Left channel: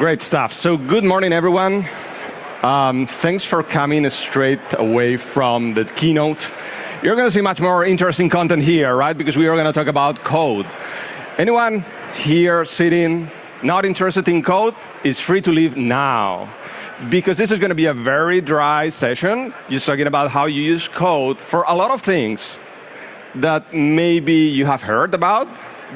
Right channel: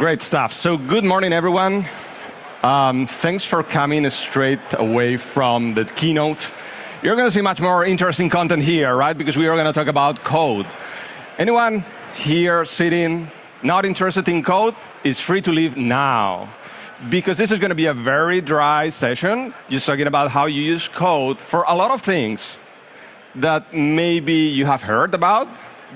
Great stuff. So good morning, everyone. Thanks for coming straight away from the keynote. You're going to see much more interesting content here, right? Because we are going to talk about code. Anyone here sitting not interested in code is free to leave now. Because this is going to be a very dry session. Just talking about how you use code for a lot of things that maybe you have heard about,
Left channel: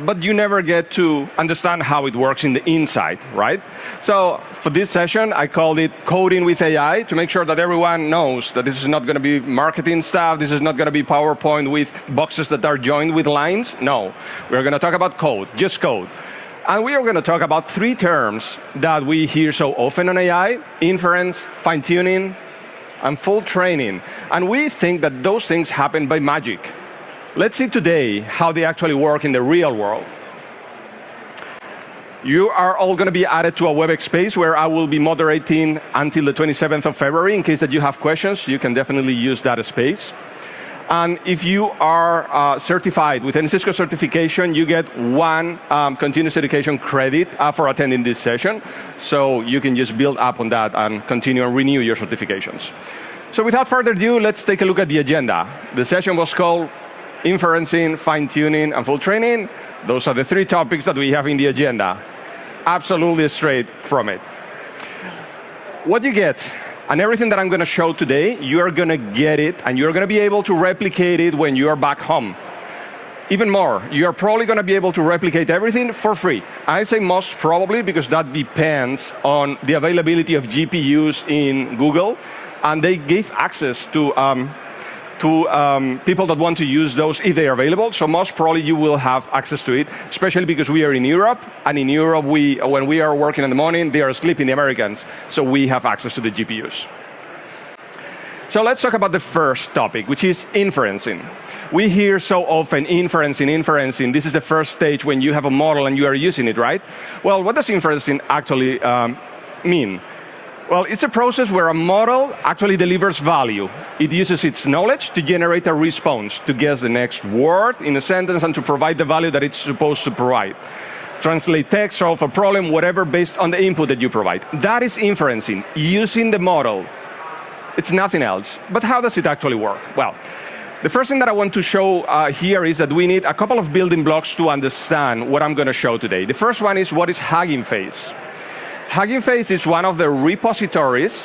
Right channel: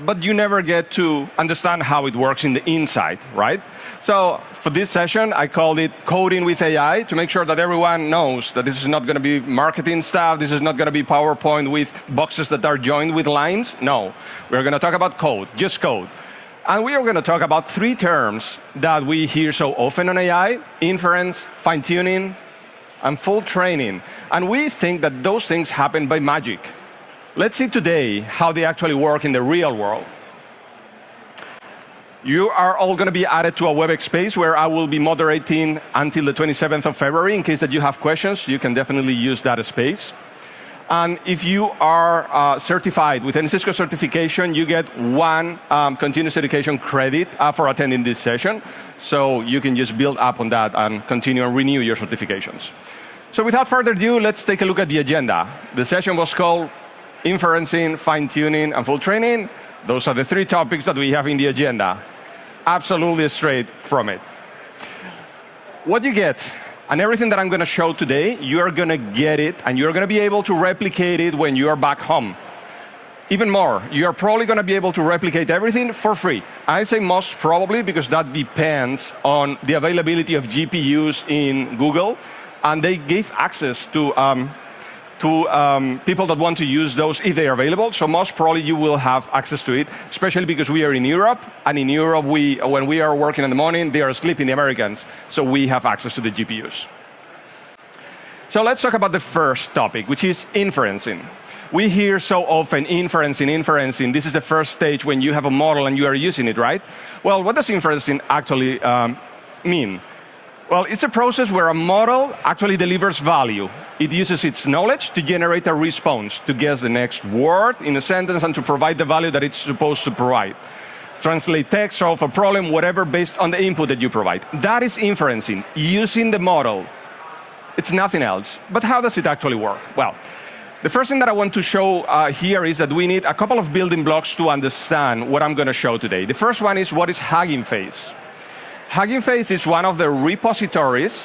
but you never get to understand how it works in the inside, right? So for this session, I called it Coding with AI to make sure that everyone knows that this is not going to be marketing stuff. This is not going to be PowerPoint with boxes that are joined with lines. No, we're going to talk about code, just code. And we are going to talk about three terms that we hear so often on AI: inference, fine-tuning, and full training. And we think that those things happen by magic. Let's see today how they actually work in the real world. You are all going to be added to a WebEx space where I will be moderating until the 27th of February. In case that you have questions, you can definitely use that space. And if you are certified with any Cisco certification, you get one continuous education credit for attending this session. So you can just build up on that and continue and renew your certifications. So without further ado, let's take a look at the agenda. The session was called Inferencing, Fine-Tuning, and Full Training. Those are the three topics that we have in the agenda. Absolutely straight from it. What you get, and everything that I'm going to show today, you're going to get it, and you're going to be able to replicate it when you're back home. Even more, you're probably going to be able to replicate everything for free. I say most probably because that depends on the availability of GPUs in Google, and they gave access to people that want to use those if they are available. So most probably you will have access to it, especially because we are in Europe. And in Europe, when we are working in the morning, they are sleeping, the Americans. So we have access to the GPUs. So let's talk about the first topic, which is inferencing. We hear so often inferencing. This is the first stage when you have a model and you are using it, right? Well, what does inferencing actually mean? Well, it's a process where a model actually delivers value. It uses its knowledge to generate a response, to guess the next word in a sentence, and to provide the value that it's supposed to provide. Translate text, solve a problem, whatever, based on the input that you provide. That is inferencing, using the model. It's nothing else. But how does it actually work? Well, the first thing that I want to show here is that we need a couple of building blocks to understand what I'm going to show today. The first one is what is Hugging Face. Hugging Face is one of the repositories,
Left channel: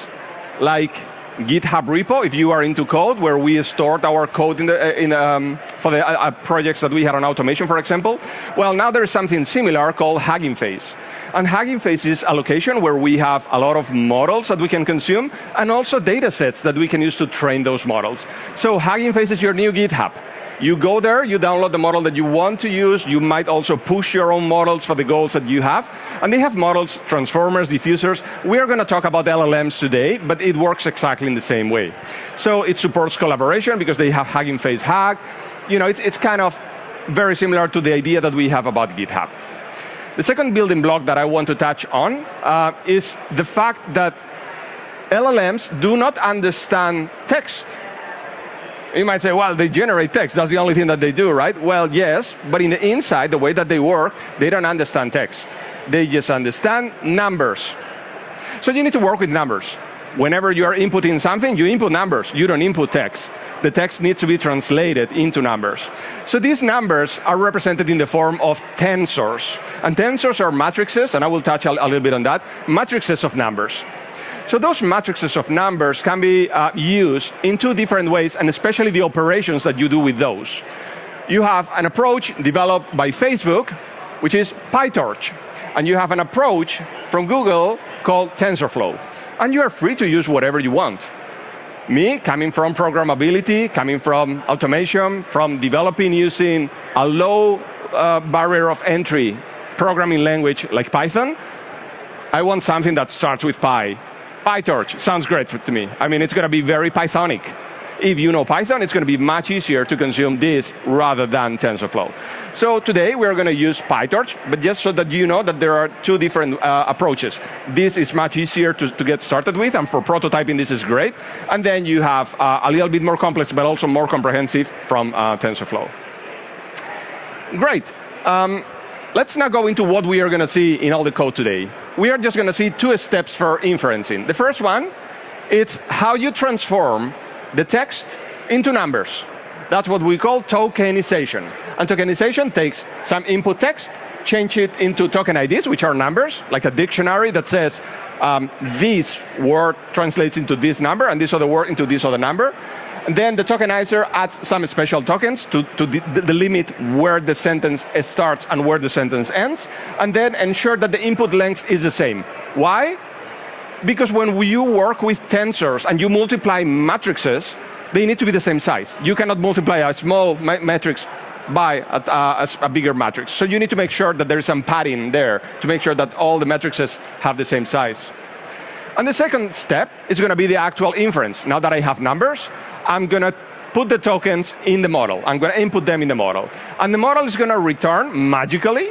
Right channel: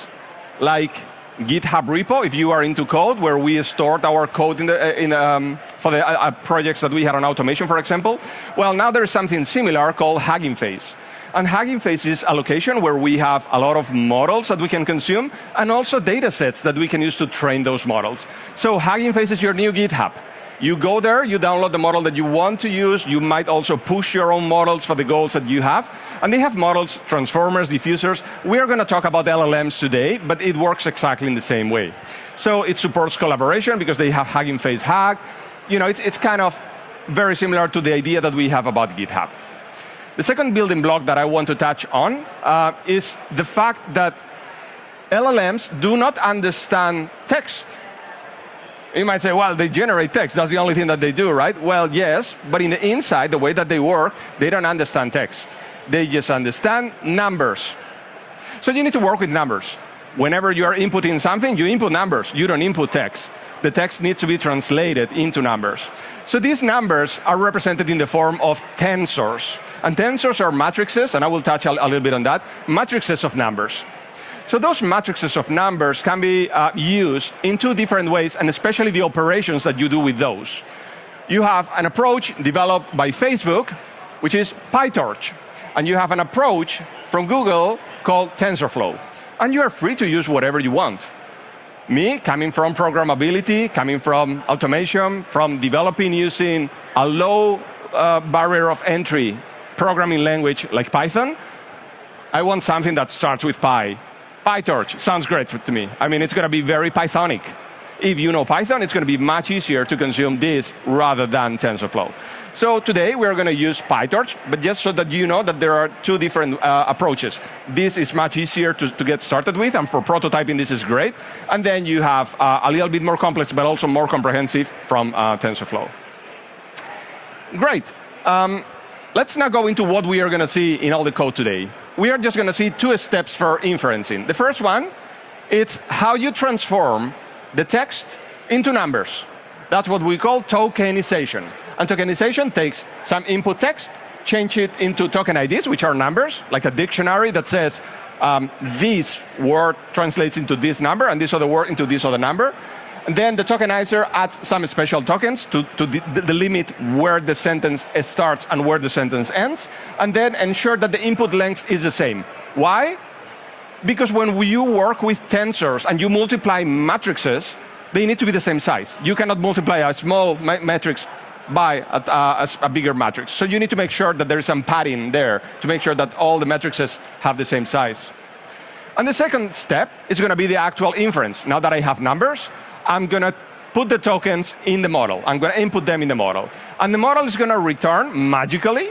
like GitHub repo, if you are into code, where we stored our code for the projects that we had on automation, for example. Well, now there's something similar called Hugging Face. And Hugging Face is a location where we have a lot of models that we can consume, and also data sets that we can use to train those models. So Hugging Face is your new GitHub. You go there, you download the model that you want to use. You might also push your own models for the goals that you have. And they have models, transformers, diffusers. We are going to talk about LLMs today, but it works exactly in the same way. So it supports collaboration because they have Hugging Face Hug. You know, it's kind of very similar to the idea that we have about GitHub. The second building block that I want to touch on is the fact that LLMs do not understand text. You might say, well, they generate text. That's the only thing that they do, right? Well, yes, but in the inside, the way that they work, they don't understand text. They just understand numbers. So you need to work with numbers. Whenever you are inputting something, you input numbers. You don't input text. The text needs to be translated into numbers. So these numbers are represented in the form of tensors. And tensors are matrices, and I will touch a little bit on that, matrices of numbers. So those matrices of numbers can be used in two different ways, and especially the operations that you do with those. You have an approach developed by Facebook, which is PyTorch. And you have an approach from Google called TensorFlow. And you are free to use whatever you want. Me, coming from programmability, coming from automation, from developing using a low barrier of entry programming language like Python, I want something that starts with Pi. PyTorch sounds great to me. I mean, it's going to be very Pythonic. If you know Python, it's going to be much easier to consume this rather than TensorFlow. So today, we're going to use PyTorch, but just so that you know that there are two different approaches. This is much easier to get started with, and for prototyping, this is great. And then you have a little bit more complex, but also more comprehensive from TensorFlow. Great. Let's now go into what we are going to see in all the code today. we are just going to see two steps for inferencing. The first one, it's how you transform the text into numbers. That's what we call tokenization. And tokenization takes some input text, change it into token IDs, which are numbers, like a dictionary that says this word translates into this number and this other word into this other number. And then the tokenizer adds some special tokens to the limit where the sentence starts and where the sentence ends, and then ensure that the input length is the same. Why? Because when you work with tensors and you multiply matrices, they need to be the same size. You cannot multiply a small matrix by a bigger matrix. So you need to make sure that there is some padding there to make sure that all the matrices have the same size. And the second step is going to be the actual inference. Now that I have numbers, I'm going to put the tokens in the model. I'm going to input them in the model. And the model is going to return, magically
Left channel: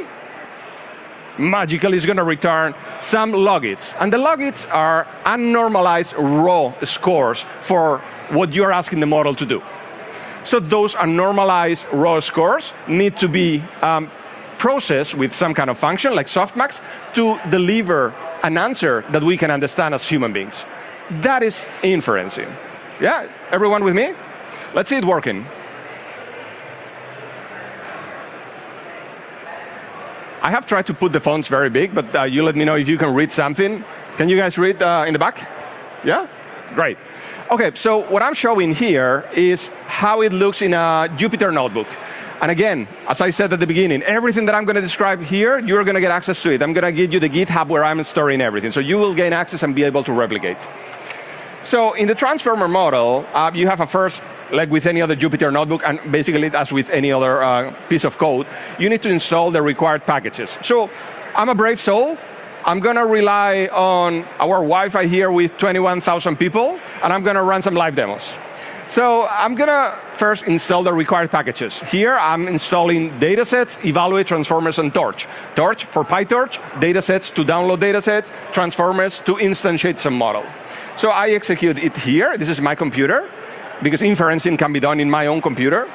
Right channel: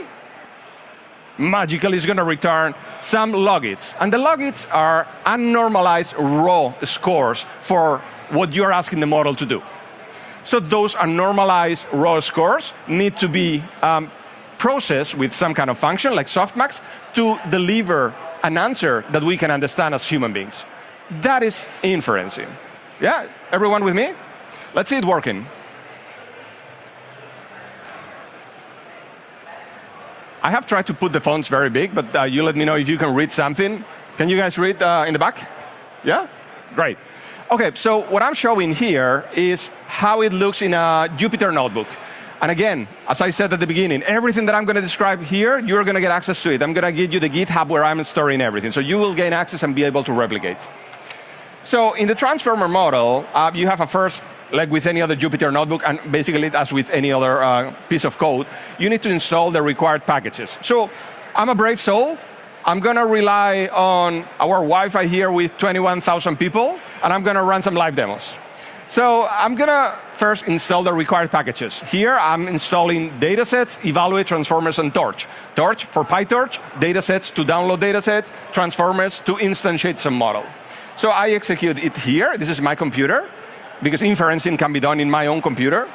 is going to return some logits. And the logits are unnormalized raw scores for what you're asking the model to do. So those unnormalized raw scores need to be processed with some kind of function like softmax to deliver an answer that we can understand as human beings. That is inferencing. Yeah, everyone with me? Let's see it working. I have tried to put the fonts very big, but you let me know if you can read something. Can you guys read in the back? Yeah? Great. Okay, so what I'm showing here is how it looks in a Jupyter notebook. And again, as I said at the beginning, everything that I'm going to describe here, you're going to get access to it. I'm going to give you the GitHub where I'm storing everything. So you will gain access and be able to replicate. So in the transformer model, you have a first, like with any other Jupyter notebook, and basically as with any other piece of code, you need to install the required packages. So I'm a brave soul. I'm going to rely on our Wi-Fi here with 21,000 people, and I'm going to run some live demos. So I'm going to first install the required packages. Here, I'm installing datasets, evaluate, transformers, and torch. Torch for PyTorch, datasets to download datasets, transformers to instantiate some model. So I execute it here. This is my computer, because inferencing can be done in my own computer.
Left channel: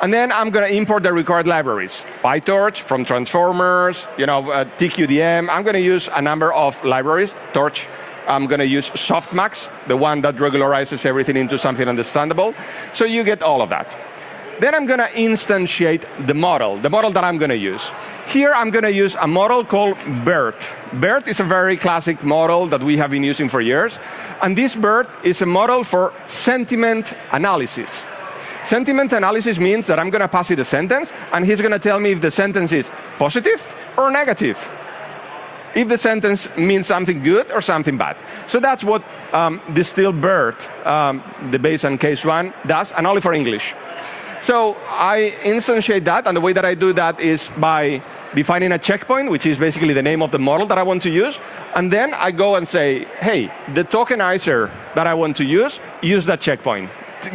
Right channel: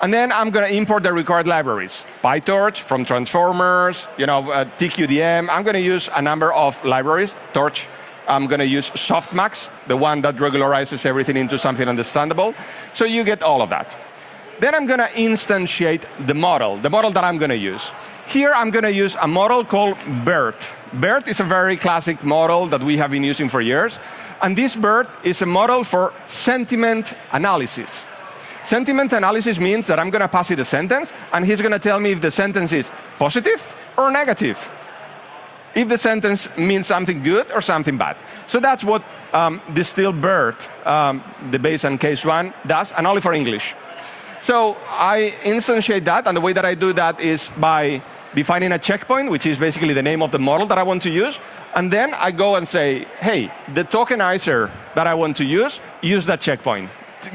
And then I'm going to import the required libraries. PyTorch from transformers, TQDM. I'm going to use a number of libraries. Torch, I'm going to use softmax, the one that regularizes everything into something understandable. So you get all of that. Then I'm going to instantiate the model that I'm going to use. Here I'm going to use a model called BERT. BERT is a very classic model that we have been using for years. And this BERT is a model for sentiment analysis. Sentiment analysis means that I'm going to pass it a sentence, and he's going to tell me if the sentence is positive or negative. If the sentence means something good or something bad. So that's what DistillBERT, the base and case one, does, and only for English. So I instantiate that, and the way that I do that is by defining a checkpoint, which is basically the name of the model that I want to use. And then I go and say, hey, the tokenizer that I want to use that checkpoint.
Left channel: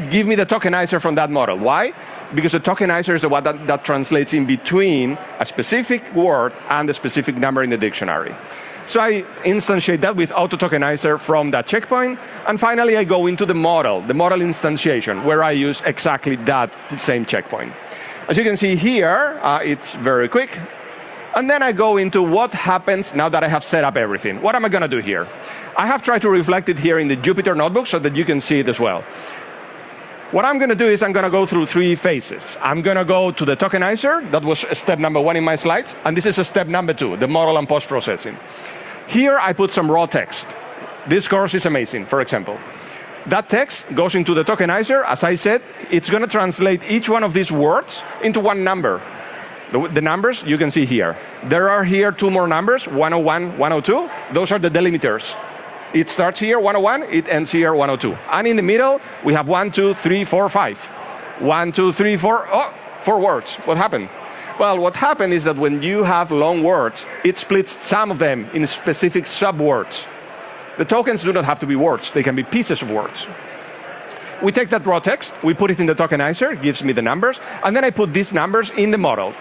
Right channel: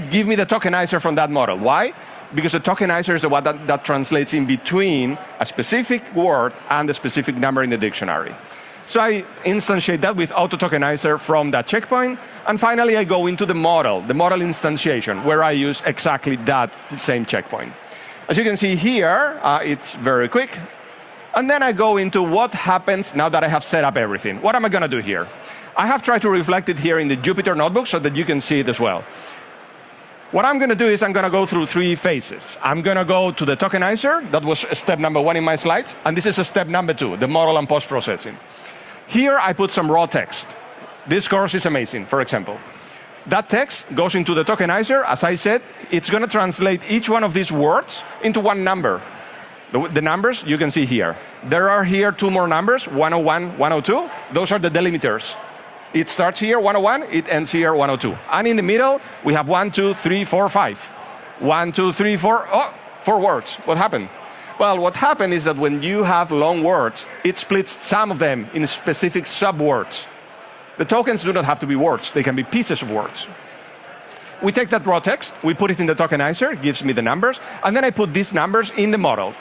Give me the tokenizer from that model. Why? Because the tokenizer is the one that translates in between a specific word and a specific number in the dictionary. So I instantiate that with auto-tokenizer from that checkpoint. And finally, I go into the model instantiation, where I use exactly that same checkpoint. As you can see here, it's very quick. And then I go into what happens now that I have set up everything. What am I going to do here? I have tried to reflect it here in the Jupyter notebook so that you can see it as well. What I'm going to do is I'm going to go through three phases. I'm going to go to the tokenizer. That was step number 1 in my slides. And this is step number 2, the model and post-processing. Here, I put some raw text. This course is amazing, for example. That text goes into the tokenizer. As I said, it's going to translate each one of these words into one number. The numbers you can see here. There are here 2 more numbers, 101, 102. Those are the delimiters. It starts here, 101, it ends here, 102. And in the middle, we have 1, 2, 3, 4, 5. 1, 2, 3, 4, 4 words. What happened? Well, what happened is that when you have long words, it splits some of them in specific subwords. The tokens do not have to be words. They can be pieces of words. We take that raw text, we put it in the tokenizer, it gives me the numbers, and then I put these numbers in the model.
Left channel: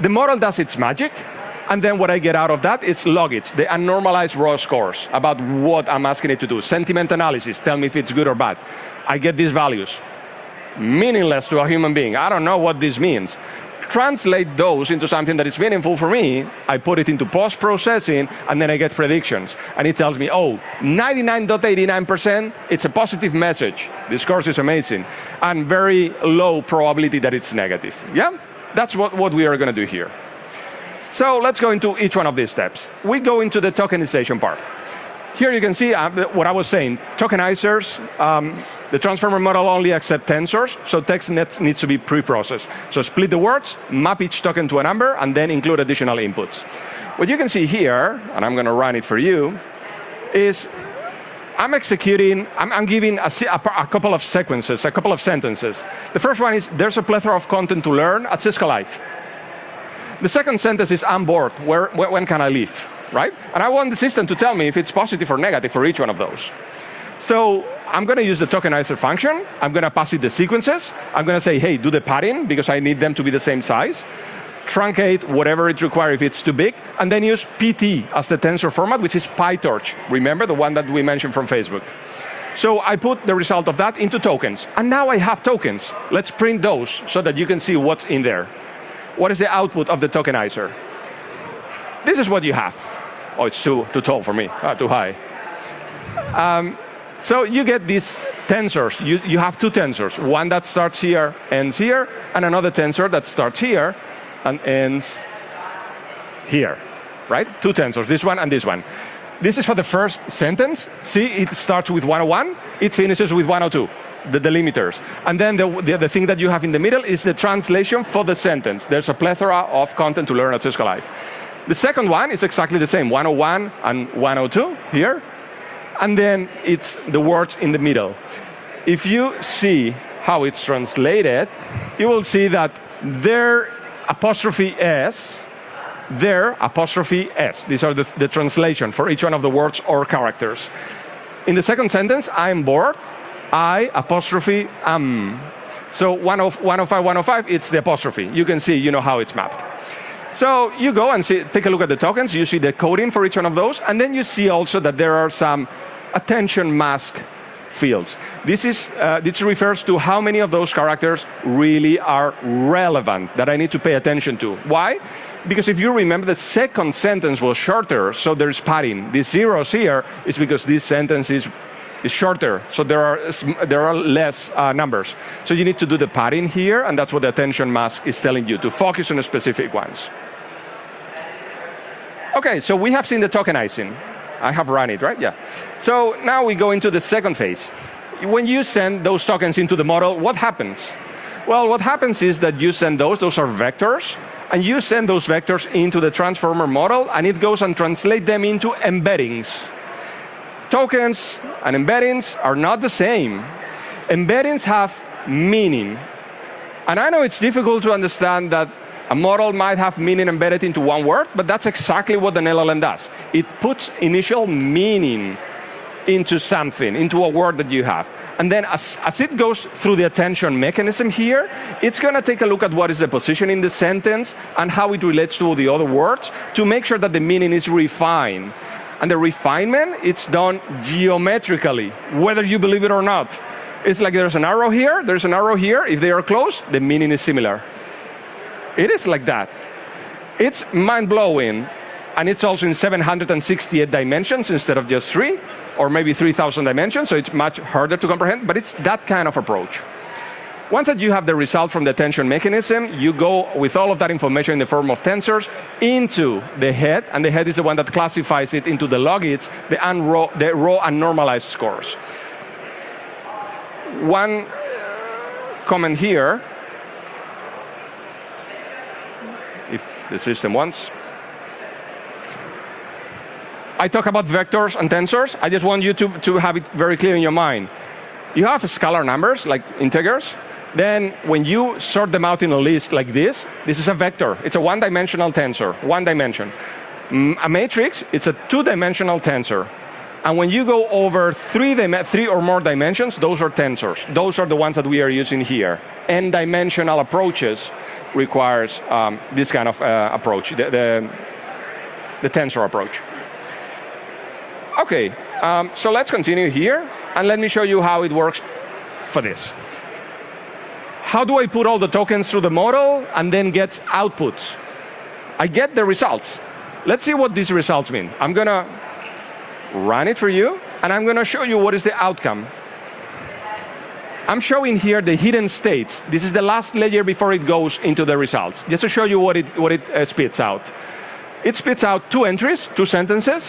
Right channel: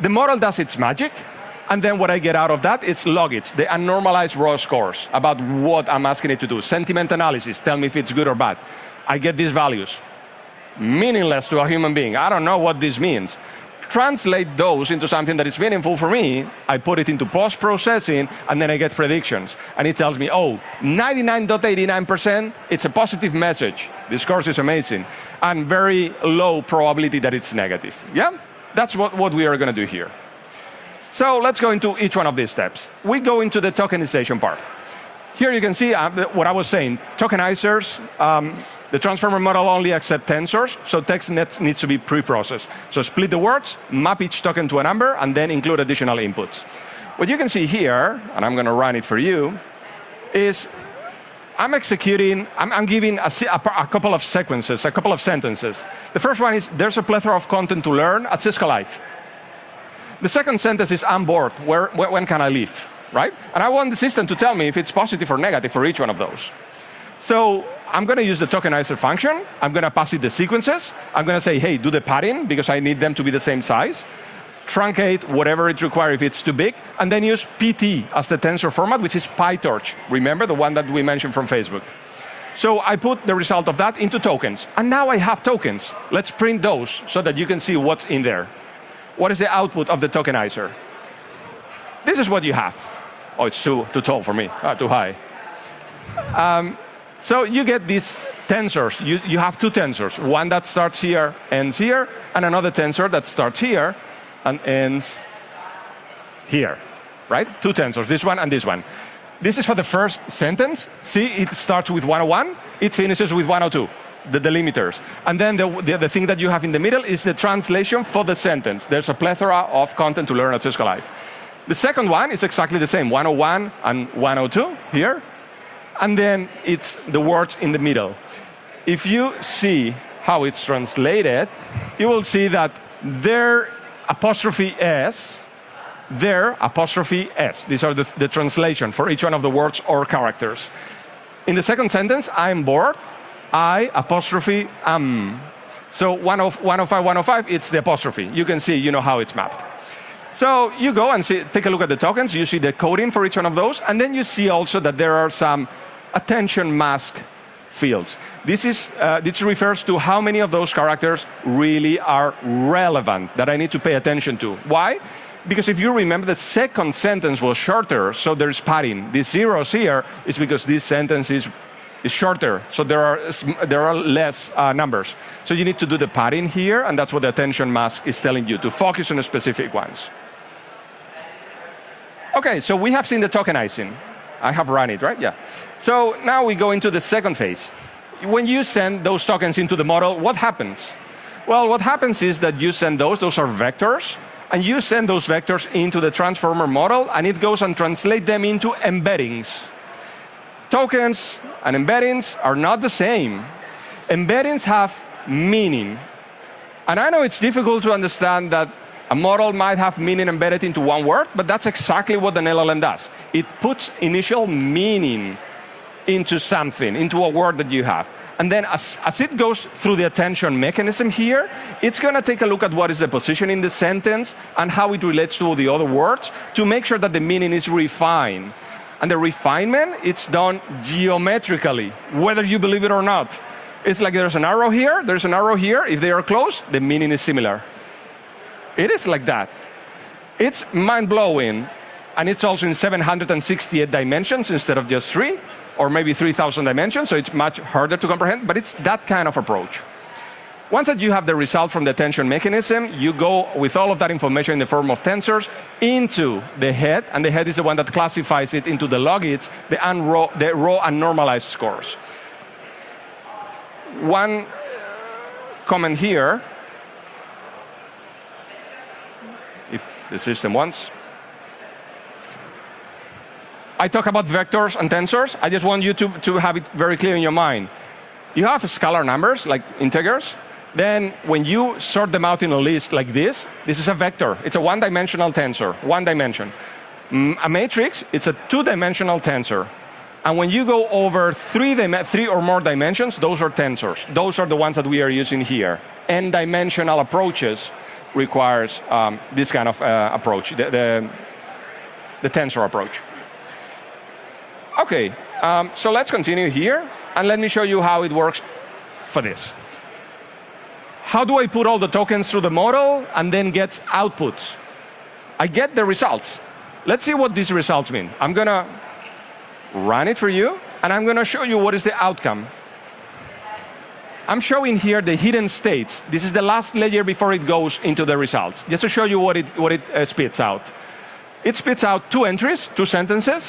The model does its magic, and then what I get out of that is logits, the unnormalized raw scores about what I'm asking it to do. Sentiment analysis, tell me if it's good or bad. I get these values. Meaningless to a human being. I don't know what this means. translate those into something that is meaningful for me. I put it into post-processing, and then I get predictions. And it tells me, oh, 99.89%, it's a positive message. This course is amazing. And very low probability that it's negative. Yeah? That's what we are going to do here. So let's go into each one of these steps. We go into the tokenization part. Here you can see what I was saying. Tokenizers, the transformer model only accepts tensors, so text needs to be pre-processed. So split the words, map each token to a number, and then include additional inputs. What you can see here, and I'm going to run it for you, is I'm giving a couple of sequences, a couple of sentences. The first one is, there's a plethora of content to learn at Cisco Live. The second sentence is, I'm bored, when can I leave, right? And I want the system to tell me if it's positive or negative for each one of those. So I'm going to use the tokenizer function. I'm going to pass it the sequences. I'm going to say, hey, do the padding, because I need them to be the same size. Truncate whatever it requires if it's too big. And then use PT as the tensor format, which is PyTorch. Remember, the one that we mentioned from Facebook. So I put the result of that into tokens. And now I have tokens. Let's print those so that you can see what's in there. What is the output of the tokenizer? This is what you have. Oh, it's too tall for me, too high. So you get these tensors. You have two tensors. One that starts here, ends here, and another tensor that starts here and ends here, right? Two tensors, this one and this one. This is for the first sentence. See, it starts with 101, it finishes with 102, the delimiters. And then the thing that you have in the middle is the translation for the sentence. There's a plethora of content to learn at Cisco Live. The second one is exactly the same, 101 and 102 here. And then it's the words in the middle. If you see how it's translated, you will see that their apostrophe S, their apostrophe S. These are the translation for each one of the words or characters. In the second sentence, I'm bored, I apostrophe am. So 105, 105, it's the apostrophe. You can see, you know how it's mapped. So you go and take a look at the tokens. You see the coding for each one of those. And then you see also that there are some attention mask fields. This refers to how many of those characters really are relevant that I need to pay attention to. Why? Because if you remember, the second sentence was shorter, so there's padding. These zeros here is because this sentence is shorter, so there are less numbers. So you need to do the padding here, and that's what the attention mask is telling you, to focus on specific ones. Okay, so we have seen the tokenizing. I have run it, right? Yeah. So now we go into the second phase. When you send those tokens into the model, what happens? Well, what happens is that you send those are vectors, and you send those vectors into the transformer model, and it goes and translates them into embeddings. Tokens and embeddings are not the same. Embeddings have meaning. And I know it's difficult to understand that a model might have meaning embedded into one word, but that's exactly what an LLM does. It puts initial meaning into something, into a word that you have. And then as it goes through the attention mechanism here, it's going to take a look at what is the position in the sentence and how it relates to the other words to make sure that the meaning is refined. And the refinement, it's done geometrically, whether you believe it or not. It's like there's an arrow here, there's an arrow here. If they are close, the meaning is similar. It is like that. It's mind-blowing. And it's also in 768 dimensions instead of just 3, or maybe 3,000 dimensions, so it's much harder to comprehend, but it's that kind of approach. Once that you have the result from the attention mechanism, you go with all of that information in the form of tensors into the head, and the head is the one that classifies it into the logits, the raw and normalized scores. One comment here, if the system wants. I talk about vectors and tensors. I just want you to have it very clear in your mind. You have scalar numbers, like integers. Then when you sort them out in a list like this is a vector. It's a one-dimensional tensor, one dimension. A matrix, it's a two-dimensional tensor. And when you go over three or more dimensions, those are tensors. Those are the ones that we are using here. N-dimensional approaches requires this kind of approach, the tensor approach. Okay, so let's continue here, and let me show you how it works for this. How do I put all the tokens through the model and then get outputs? I get the results. Let's see what these results mean. I'm going to run it for you, and I'm going to show you what is the outcome. I'm showing here the hidden states. This is the last layer before it goes into the results, just to show you what it spits out. It spits out 2 entries, 2 sentences.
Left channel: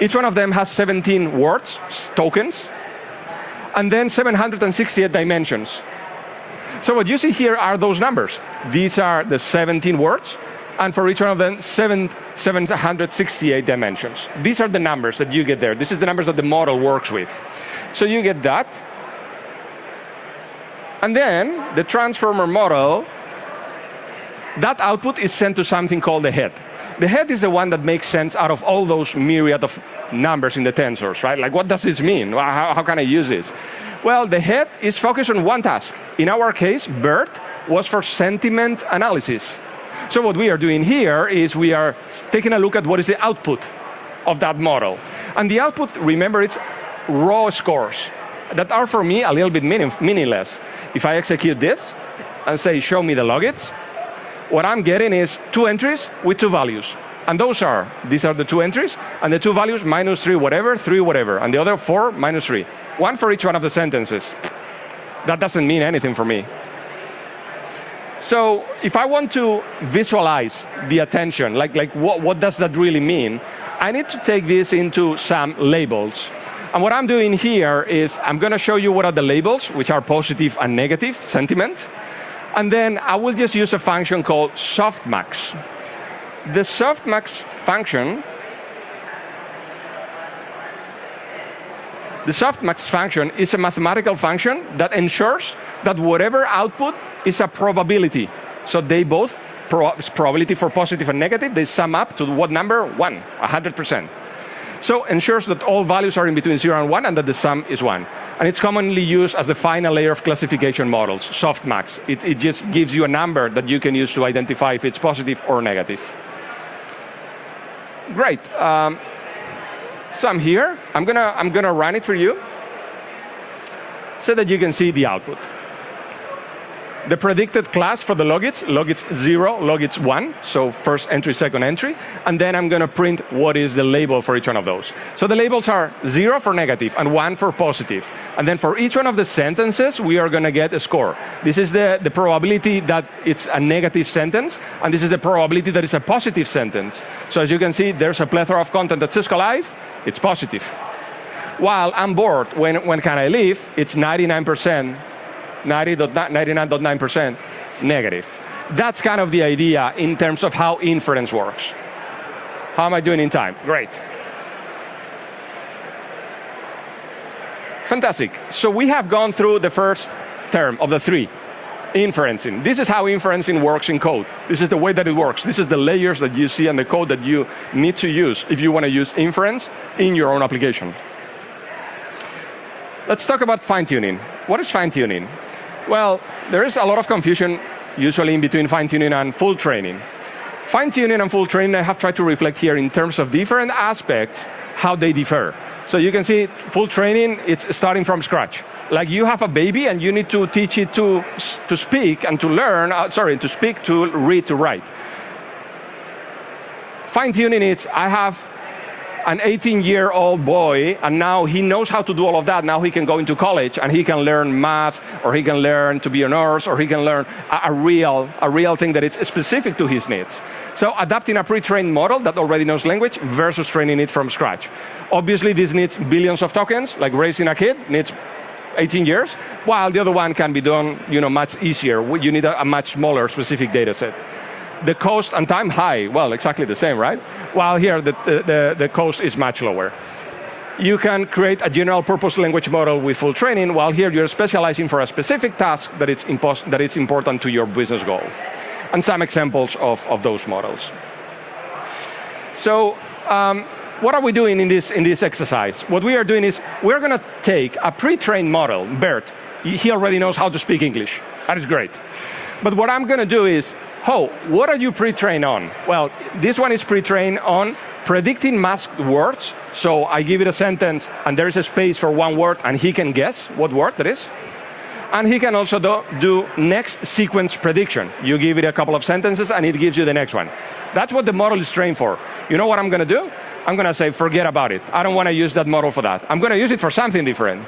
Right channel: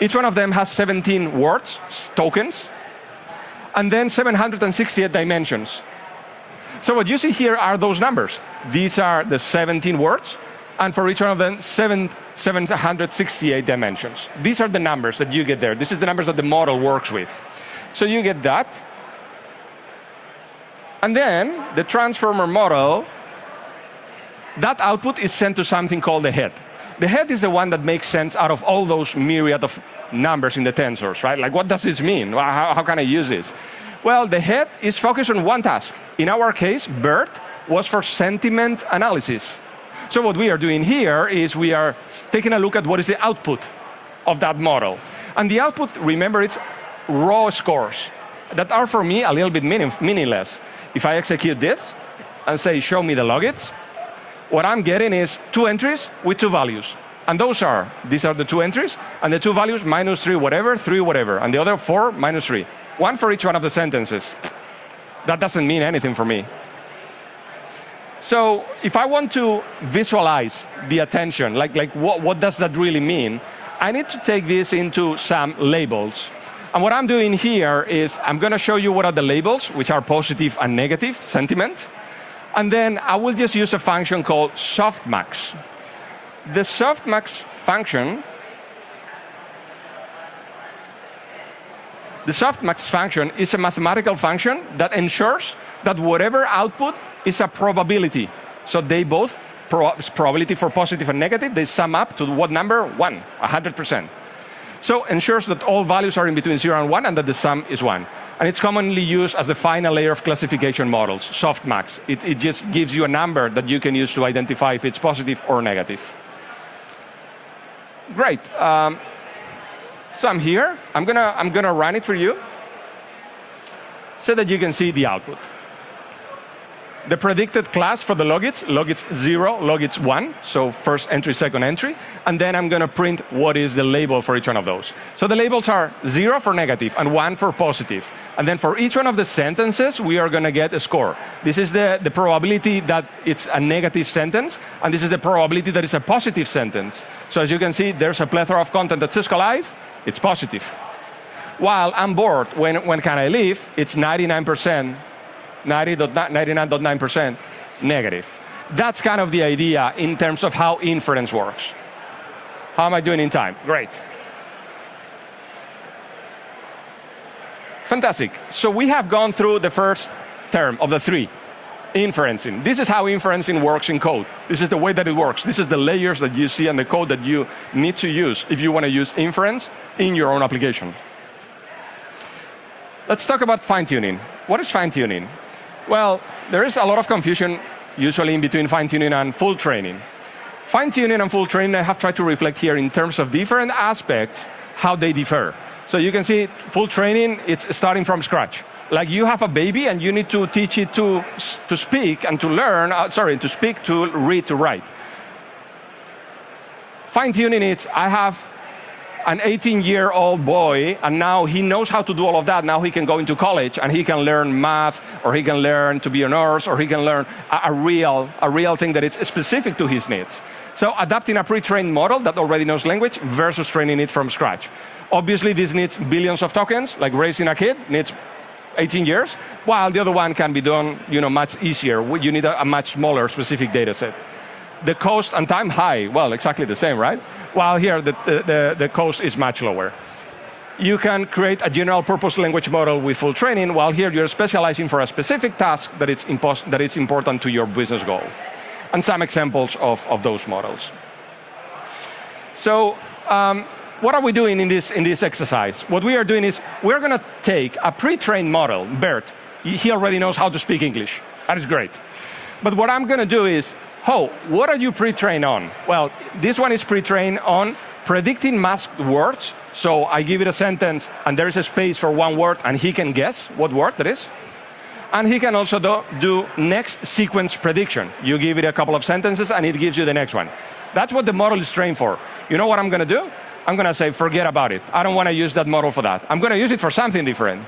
Each one of them has 17 words, tokens, and then 768 dimensions. So what you see here are those numbers. These are the 17 words, and for each one of them, 768 dimensions. These are the numbers that you get there. This is the numbers that the model works with. So you get that. And then the transformer model, that output is sent to something called the head. The head is the one that makes sense out of all those myriad of numbers in the tensors, right? Like, what does this mean? How can I use this? Well, the head is focused on one task. In our case, BERT was for sentiment analysis. So what we are doing here is we are taking a look at what is the output of that model. And the output, remember, it's raw scores that are, for me, a little bit meaningless. If I execute this and say, show me the logits, what I'm getting is 2 entries with 2 values. And these are the 2 entries, and the 2 values, -3 whatever, 3 whatever, and the other 4, -3. 1 for each one of the sentences. That doesn't mean anything for me. So if I want to visualize the attention, what does that really mean? I need to take this into some labels. And what I'm doing here is I'm going to show you what are the labels, which are positive and negative sentiment. And then I will just use a function called softmax. The softmax function is a mathematical function that ensures that whatever output is a probability. So they both, probability for positive and negative, they sum up to what number? 1, 100%. So ensures that all values are in between 0 and 1 and that the sum is 1. And it's commonly used as the final layer of classification models, softmax. It just gives you a number that you can use to identify if it's positive or negative. Great. So I'm here. I'm gonna run it for you so that you can see the output. The predicted class for the logits 0, logits 1, so first entry, second entry, and then I'm going to print what is the label for each one of those. So the labels are 0 for negative and 1 for positive. And then for each one of the sentences, we are going to get a score. This is the probability that it's a negative sentence, and this is the probability that it's a positive sentence. So as you can see, there's a plethora of content that says alive, it's positive. While I'm bored, when can I leave, it's 99%. 99.9% negative. That's kind of the idea in terms of how inference works. How am I doing in time? Great. Fantastic. So we have gone through the first term of the 3, inferencing. This is how inferencing works in code. This is the way that it works. This is the layers that you see and the code that you need to use if you want to use inference in your own application. Let's talk about fine-tuning. What is fine-tuning? Well, there is a lot of confusion usually in between fine-tuning and full training. Fine-tuning and full training, I have tried to reflect here in terms of different aspects, how they differ. So you can see full training, it's starting from scratch. Like you have a baby and you need to teach it to speak and to learn, to speak, to read, to write. Fine-tuning, it's I have an 18-year-old boy, and now he knows how to do all of that. Now he can go into college, and he can learn math, or he can learn to be a nurse, or he can learn a real thing that is specific to his needs. So adapting a pre-trained model that already knows language versus training it from scratch. Obviously, this needs billions of tokens, like raising a kid needs 18 years, while the other one can be done, much easier. You need a much smaller specific data set. The cost and time high, well, exactly the same, right? While here, the cost is much lower. You can create a general purpose language model with full training, while here you're specializing for a specific task that it's important to your business goal. And some examples of those models. So, what are we doing in this exercise? What we are doing is we're going to take a pre-trained model, BERT. He already knows how to speak English. That is great. But what I'm going to do is, what are you pre-trained on? Well, this one is pre-trained on predicting masked words. So I give it a sentence, and there is a space for one word, and he can guess what word that is. And he can also do next sequence prediction. You give it a couple of sentences, and it gives you the next one. That's what the model is trained for. You know what I'm going to do? I'm going to say, forget about it. I don't want to use that model for that. I'm going to use it for something different.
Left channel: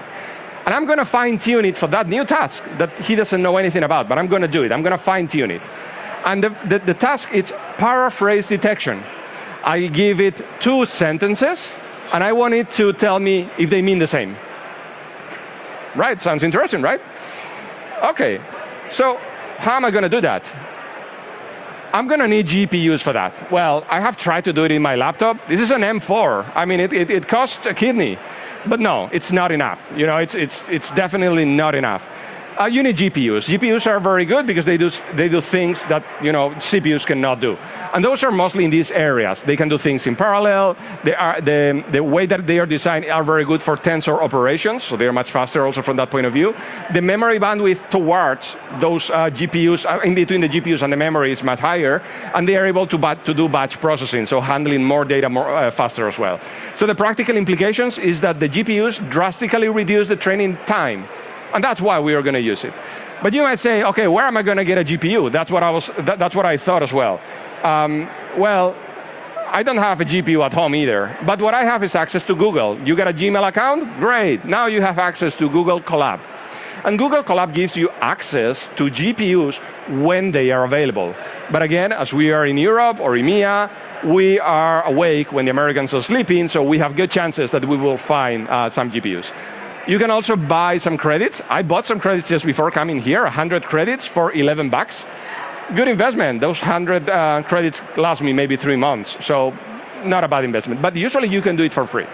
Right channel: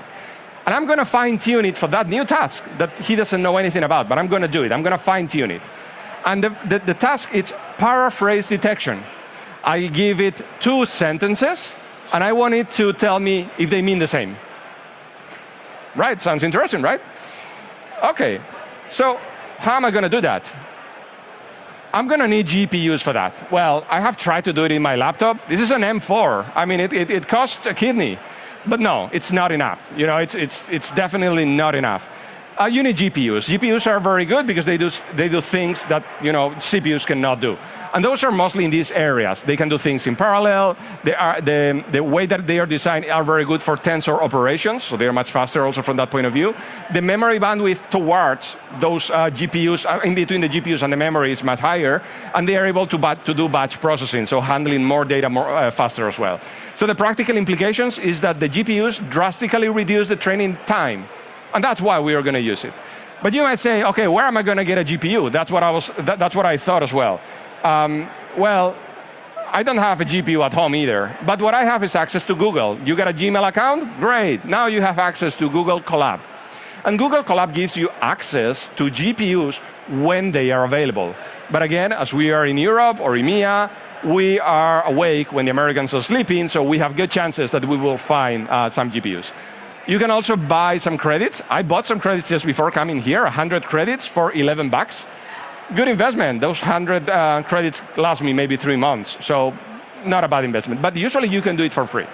And I'm going to fine-tune it for that new task that he doesn't know anything about, but I'm going to do it. I'm going to fine-tune it. And the task is paraphrase detection. I give it 2 sentences, and I want it to tell me if they mean the same. Right? Sounds interesting, right? Okay. So how am I going to do that? I'm going to need GPUs for that. Well, I have tried to do it in my laptop. This is an M4. I mean, it costs a kidney. But no, it's not enough. You know, it's definitely not enough. You need GPUs. GPUs are very good because they do things that, you know, CPUs cannot do. And those are mostly in these areas. They can do things in parallel. The way that they are designed are very good for tensor operations, so they are much faster also from that point of view. The memory bandwidth towards those GPUs, in between the GPUs and the memory, is much higher, and they are able to do batch processing, so handling more data faster as well. So the practical implications is that the GPUs drastically reduce the training time, and that's why we are going to use it. But you might say, okay, where am I going to get a GPU? That's what I thought as well. Well, I don't have a GPU at home either, but what I have is access to Google. You got a Gmail account? Great. Now you have access to Google Colab. And Google Colab gives you access to GPUs when they are available. But again, as we are in Europe or EMEA, we are awake when the Americans are sleeping, so we have good chances that we will find some GPUs. You can also buy some credits. I bought some credits just before coming here, 100 credits for $11. Good investment. Those 100 credits last me maybe 3 months, so not a bad investment. But usually you can do it for free.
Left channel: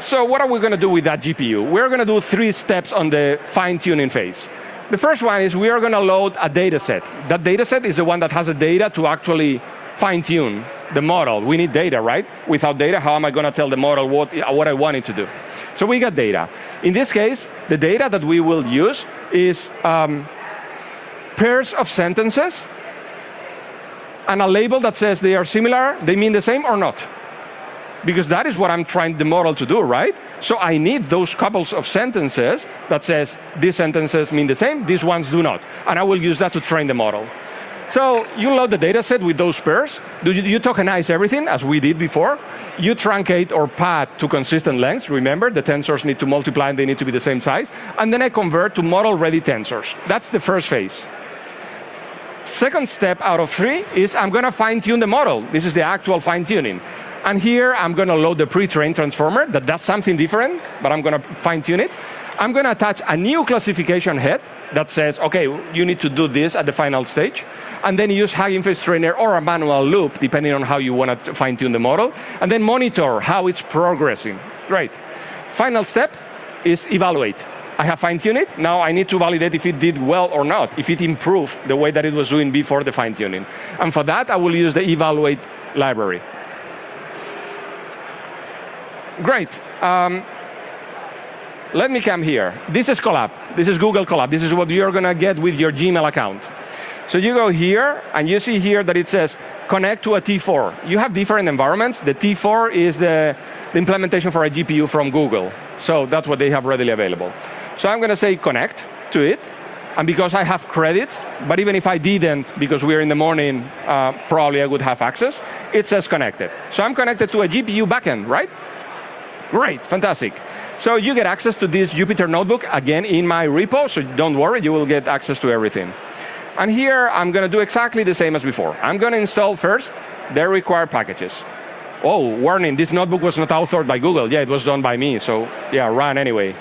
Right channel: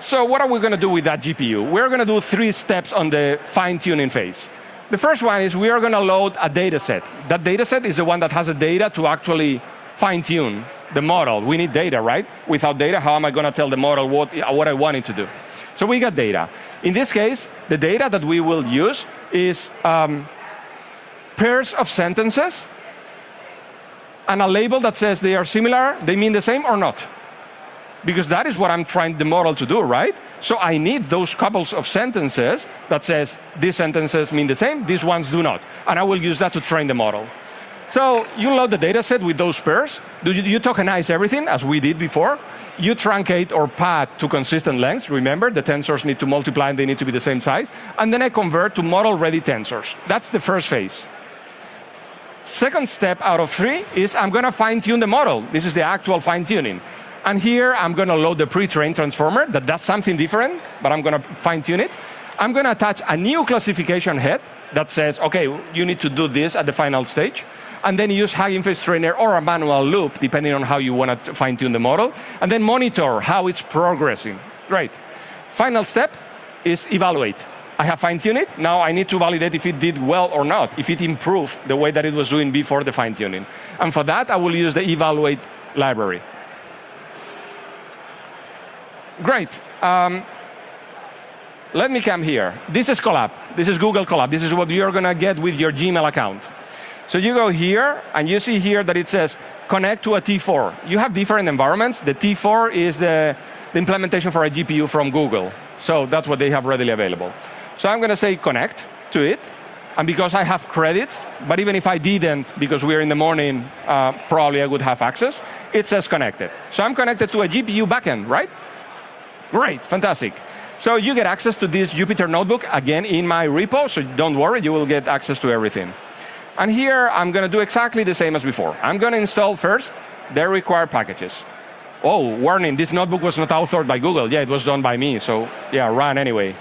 So what are we going to do with that GPU? We're going to do 3 steps on the fine-tuning phase. The first one is we are going to load a data set. That data set is the one that has the data to actually fine-tune the model. We need data, right? Without data, how am I going to tell the model what I want it to do? So we got data. In this case, the data that we will use is pairs of sentences and a label that says they are similar, they mean the same or not. Because that is what I'm trying the model to do, right? So I need those couples of sentences that says these sentences mean the same, these ones do not. And I will use that to train the model. So you load the data set with those pairs. You tokenize everything, as we did before. You truncate or pad to consistent lengths. Remember, the tensors need to multiply and they need to be the same size. And then I convert to model-ready tensors. That's the first phase. Second step out of 3 is I'm going to fine-tune the model. This is the actual fine-tuning. And here I'm going to load the pre-trained transformer that does something different, but I'm going to fine-tune it. I'm going to attach a new classification head that says, okay, you need to do this at the final stage. And then use high-inference trainer or a manual loop, depending on how you want to fine-tune the model. And then monitor how it's progressing. Great. Final step is evaluate. I have fine-tuned it. Now I need to validate if it did well or not, if it improved the way that it was doing before the fine-tuning. And for that, I will use the evaluate library. Great. Let me come here. This is Colab. This is Google Colab. This is what you're going to get with your Gmail account. So you go here, and you see here that it says connect to a T4. You have different environments. The T4 is the implementation for a GPU from Google. So that's what they have readily available. So I'm going to say connect to it. And because I have credits, but even if I didn't, because we're in the morning, probably I would have access, it says connected. So I'm connected to a GPU backend, right? Great, fantastic. So you get access to this Jupyter notebook, again, in my repo, so don't worry, you will get access to everything. And here, I'm going to do exactly the same as before. I'm going to install first the required packages. Oh, warning, this notebook was not authored by Google. Yeah, it was done by me, so yeah, run anyway.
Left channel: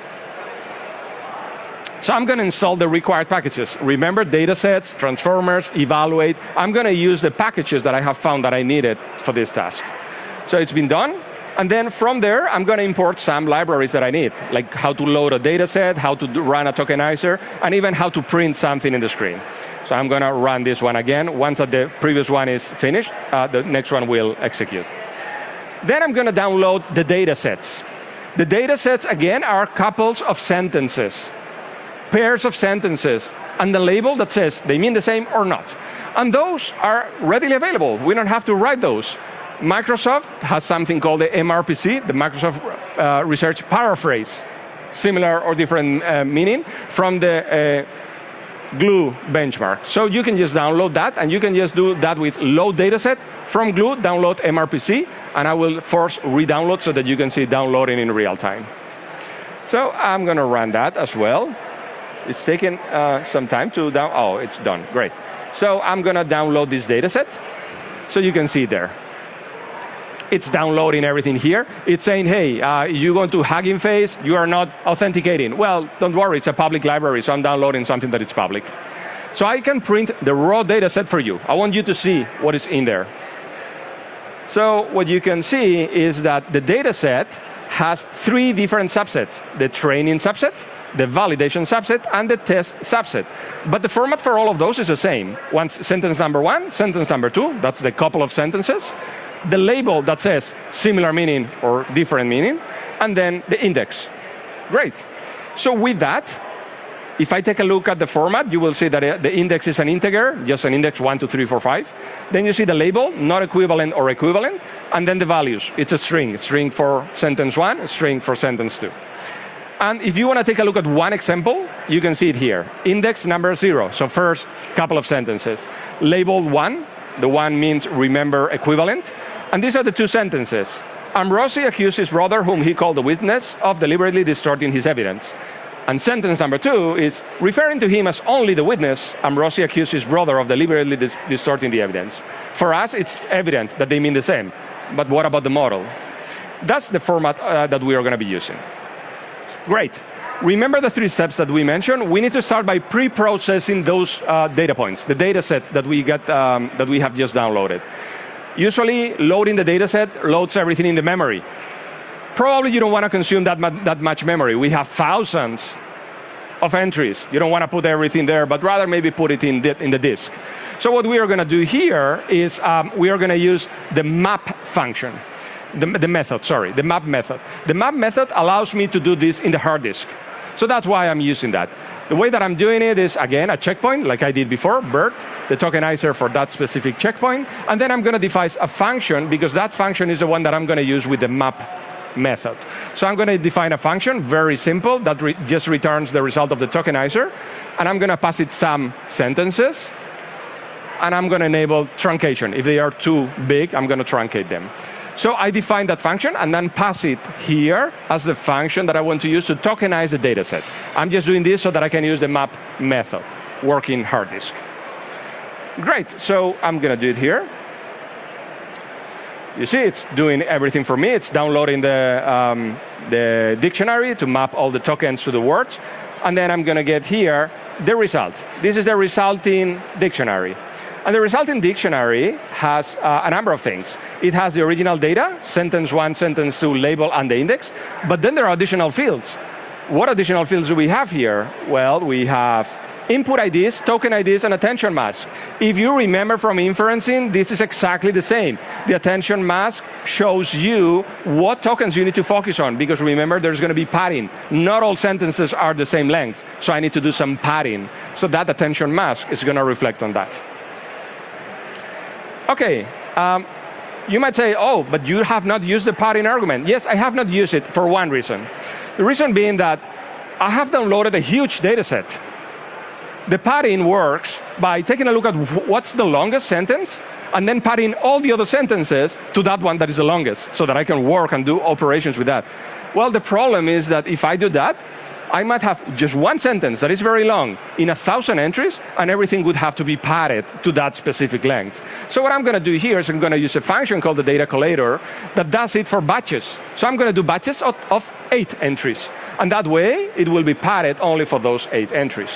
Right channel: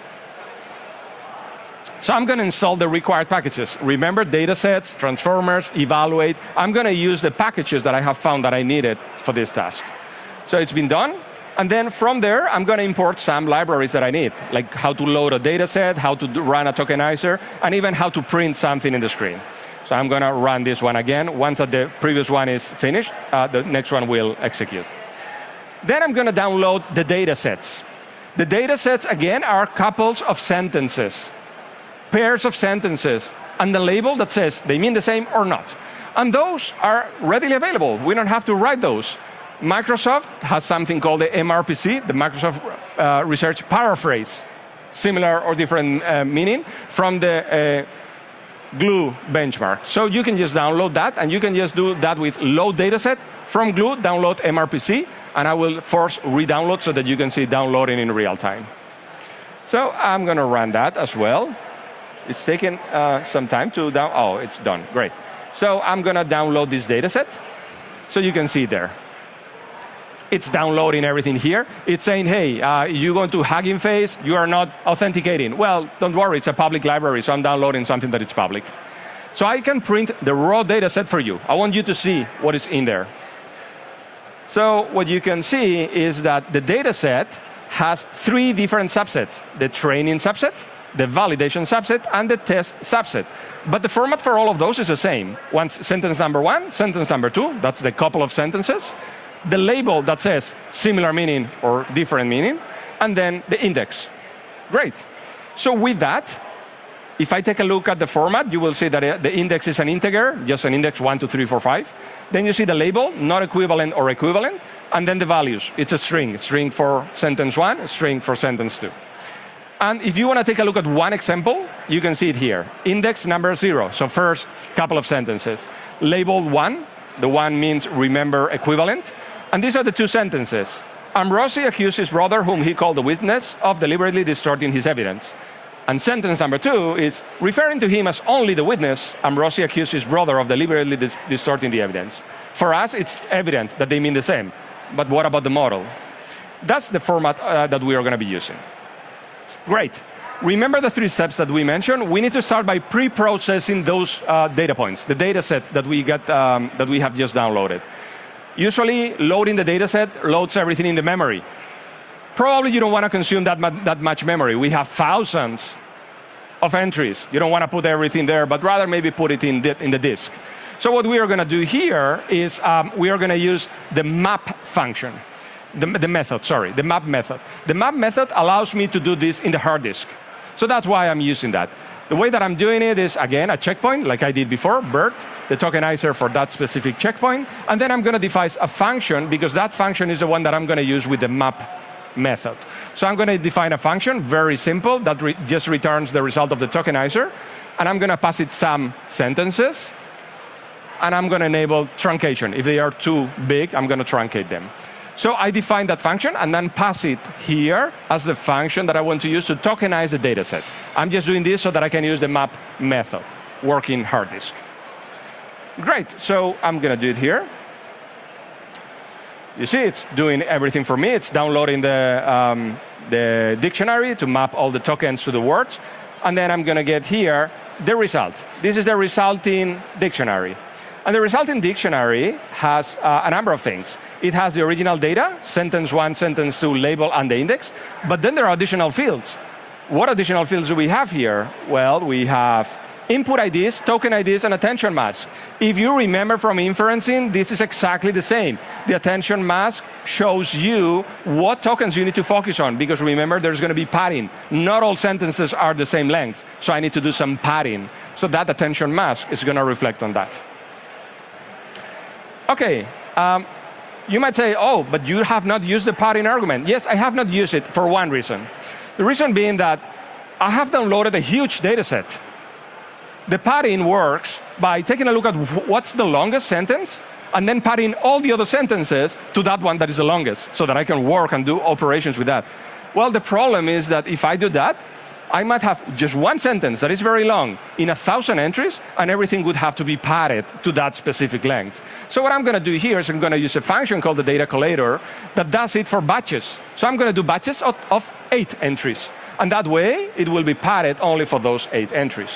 So I'm going to install the required packages. Remember, datasets, transformers, evaluate. I'm going to use the packages that I have found that I needed for this task. So it's been done. And then from there, I'm going to import some libraries that I need, like how to load a data set, how to run a tokenizer, and even how to print something in the screen. So I'm going to run this one again. Once the previous one is finished, the next one will execute. Then I'm going to download the data sets. The data sets, again, are couples of sentences, pairs of sentences, and the label that says they mean the same or not. And those are readily available. We don't have to write those. Microsoft has something called the MRPC, the Microsoft Research Paraphrase similar or different meaning from the Glue benchmark. So you can just download that, and you can just do that with load dataset from Glue, download MRPC, and I will force re-download so that you can see downloading in real time. So I'm going to run that as well. It's taking some time to down. Oh, it's done. Great. So I'm going to download this dataset so you can see there. It's downloading everything here. It's saying, hey, you're going to Hugging Face, you are not authenticating. Well, don't worry, it's a public library, so I'm downloading something that is public. So I can print the raw data set for you. I want you to see what is in there. So what you can see is that the data set has 3 different subsets: the training subset, the validation subset, and the test subset. But the format for all of those is the same. Sentence number 1, sentence number 2, that's the couple of sentences. The label that says similar meaning or different meaning, and then the index. Great. So with that, if I take a look at the format, you will see that the index is an integer, just an index 1, 2, 3, 4, 5. Then you see the label, not equivalent or equivalent, and then the values. It's a string for sentence 1, a string for sentence 2. And if you want to take a look at one example, you can see it here. Index number 0, so first couple of sentences. Label 1, the 1 means remember equivalent. And these are the 2 sentences. Ambrosi accused his brother, whom he called the witness, of deliberately distorting his evidence. And sentence number 2 is, referring to him as only the witness, Ambrosi accused his brother of deliberately distorting the evidence. For us, it's evident that they mean the same. But what about the model? That's the format that we are going to be using. Great. Remember the 3 steps that we mentioned? We need to start by pre-processing those data points, the data set that we have just downloaded. Usually, loading the data set loads everything in the memory. Probably you don't want to consume that much memory. We have thousands of entries. You don't want to put everything there, but rather maybe put it in the disk. So what we are going to do here is we are going to use the map function. The map method. The map method allows me to do this in the hard disk. So that's why I'm using that. The way that I'm doing it is, again, a checkpoint, like I did before, BERT, the tokenizer for that specific checkpoint. And then I'm going to define a function, because that function is the one that I'm going to use with the map method. So I'm going to define a function, very simple, that just returns the result of the tokenizer. And I'm going to pass it some sentences. And I'm going to enable truncation. If they are too big, I'm going to truncate them. So I define that function and then pass it here as the function that I want to use to tokenize the data set. I'm just doing this so that I can use the map method, working hard disk. Great, so I'm going to do it here. You see, it's doing everything for me. It's downloading the dictionary to map all the tokens to the words. And then I'm going to get here the result. This is the resulting dictionary. And the resulting dictionary has a number of things. It has the original data, sentence 1, sentence 2, label, and the index. But then there are additional fields. What additional fields do we have here? Well, we have input IDs, token IDs, and attention mask. If you remember from inferencing, this is exactly the same. The attention mask shows you what tokens you need to focus on, because remember, there's going to be padding. Not all sentences are the same length, so I need to do some padding. So that attention mask is going to reflect on that. Okay. You might say, oh, but you have not used the padding argument. Yes, I have not used it for one reason. The reason being that I have downloaded a huge data set. The padding works by taking a look at what's the longest sentence and then padding all the other sentences to that one that is the longest so that I can work and do operations with that. Well, the problem is that if I do that, I might have just one sentence that is very long in 1,000 entries, and everything would have to be padded to that specific length. So what I'm going to do here is I'm going to use a function called the data collator that does it for batches. So I'm going to do batches of 8 entries. And that way, it will be padded only for those 8 entries.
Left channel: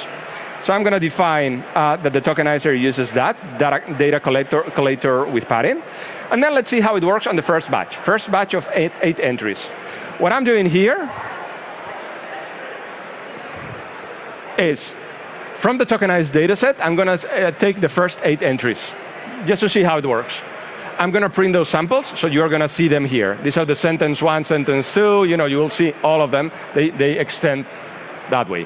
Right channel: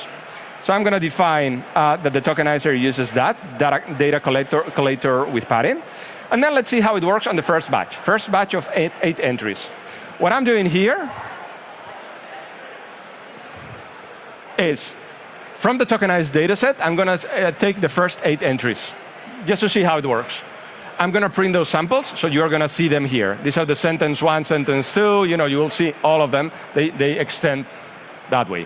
So I'm going to define that the tokenizer uses that data collator with padding. And then let's see how it works on the first batch. First batch of 8 entries. What I'm doing here is, from the tokenized data set, I'm going to take the first 8 entries, just to see how it works. I'm going to print those samples, so you're going to see them here. These are the sentence 1, sentence 2. You will see all of them. They extend that way.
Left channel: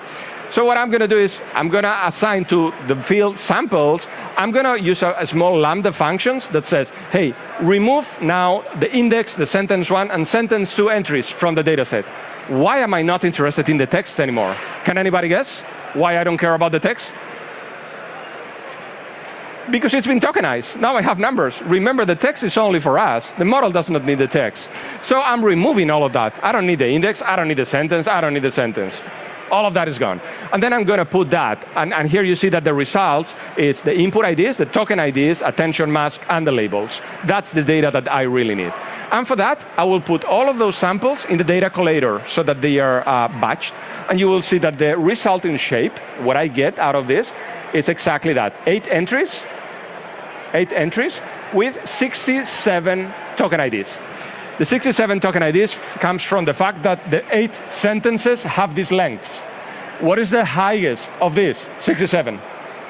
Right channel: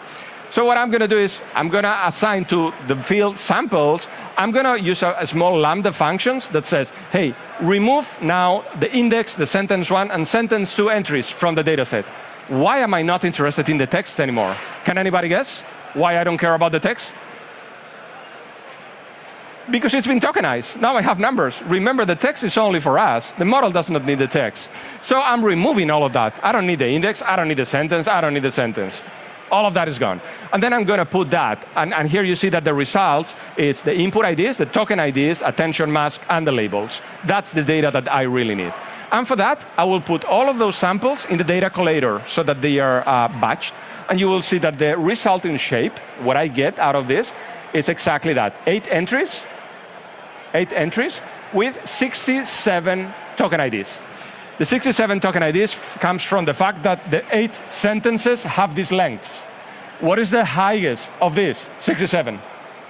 So what I'm going to do is, I'm going to assign to the field samples, I'm going to use a small lambda functions that says, hey, remove now the index, the sentence 1, and sentence 2 entries from the data set. Why am I not interested in the text anymore? Can anybody guess why I don't care about the text? Because it's been tokenized. Now I have numbers. Remember, the text is only for us. The model does not need the text. So I'm removing all of that. I don't need the index. I don't need the sentence. I don't need the sentence. All of that is gone. And then I'm going to put that. And here you see that the results is the input IDs, the token IDs, attention mask, and the labels. That's the data that I really need. And for that, I will put all of those samples in the data collator so that they are batched. And you will see that the resulting shape, what I get out of this, is exactly that. 8 entries with 67 token IDs. The 67 token IDs comes from the fact that the 8 sentences have these lengths. What is the highest of this? 67.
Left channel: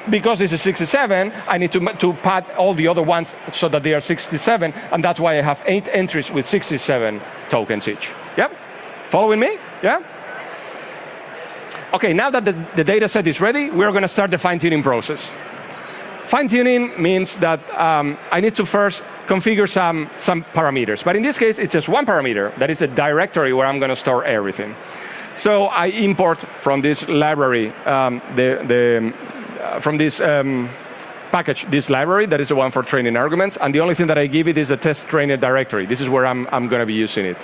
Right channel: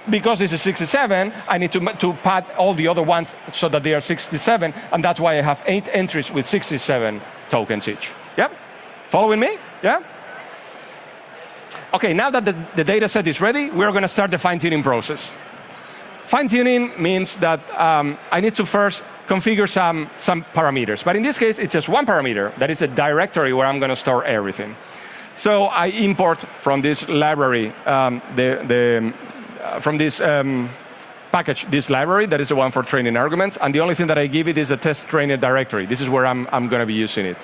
Because this is 67, I need to pad all the other ones so that they are 67, and that's why I have 8 entries with 67 tokens each. Yep? Following me? Yeah? Okay, now that the data set is ready, we're going to start the fine-tuning process. Fine-tuning means that I need to first configure some parameters. But in this case, it's just one parameter. That is a directory where I'm going to store everything. So I import from this library, from this package, this library. That is the one for training arguments. And the only thing that I give it is a test trainer directory. This is where I'm going to be using it.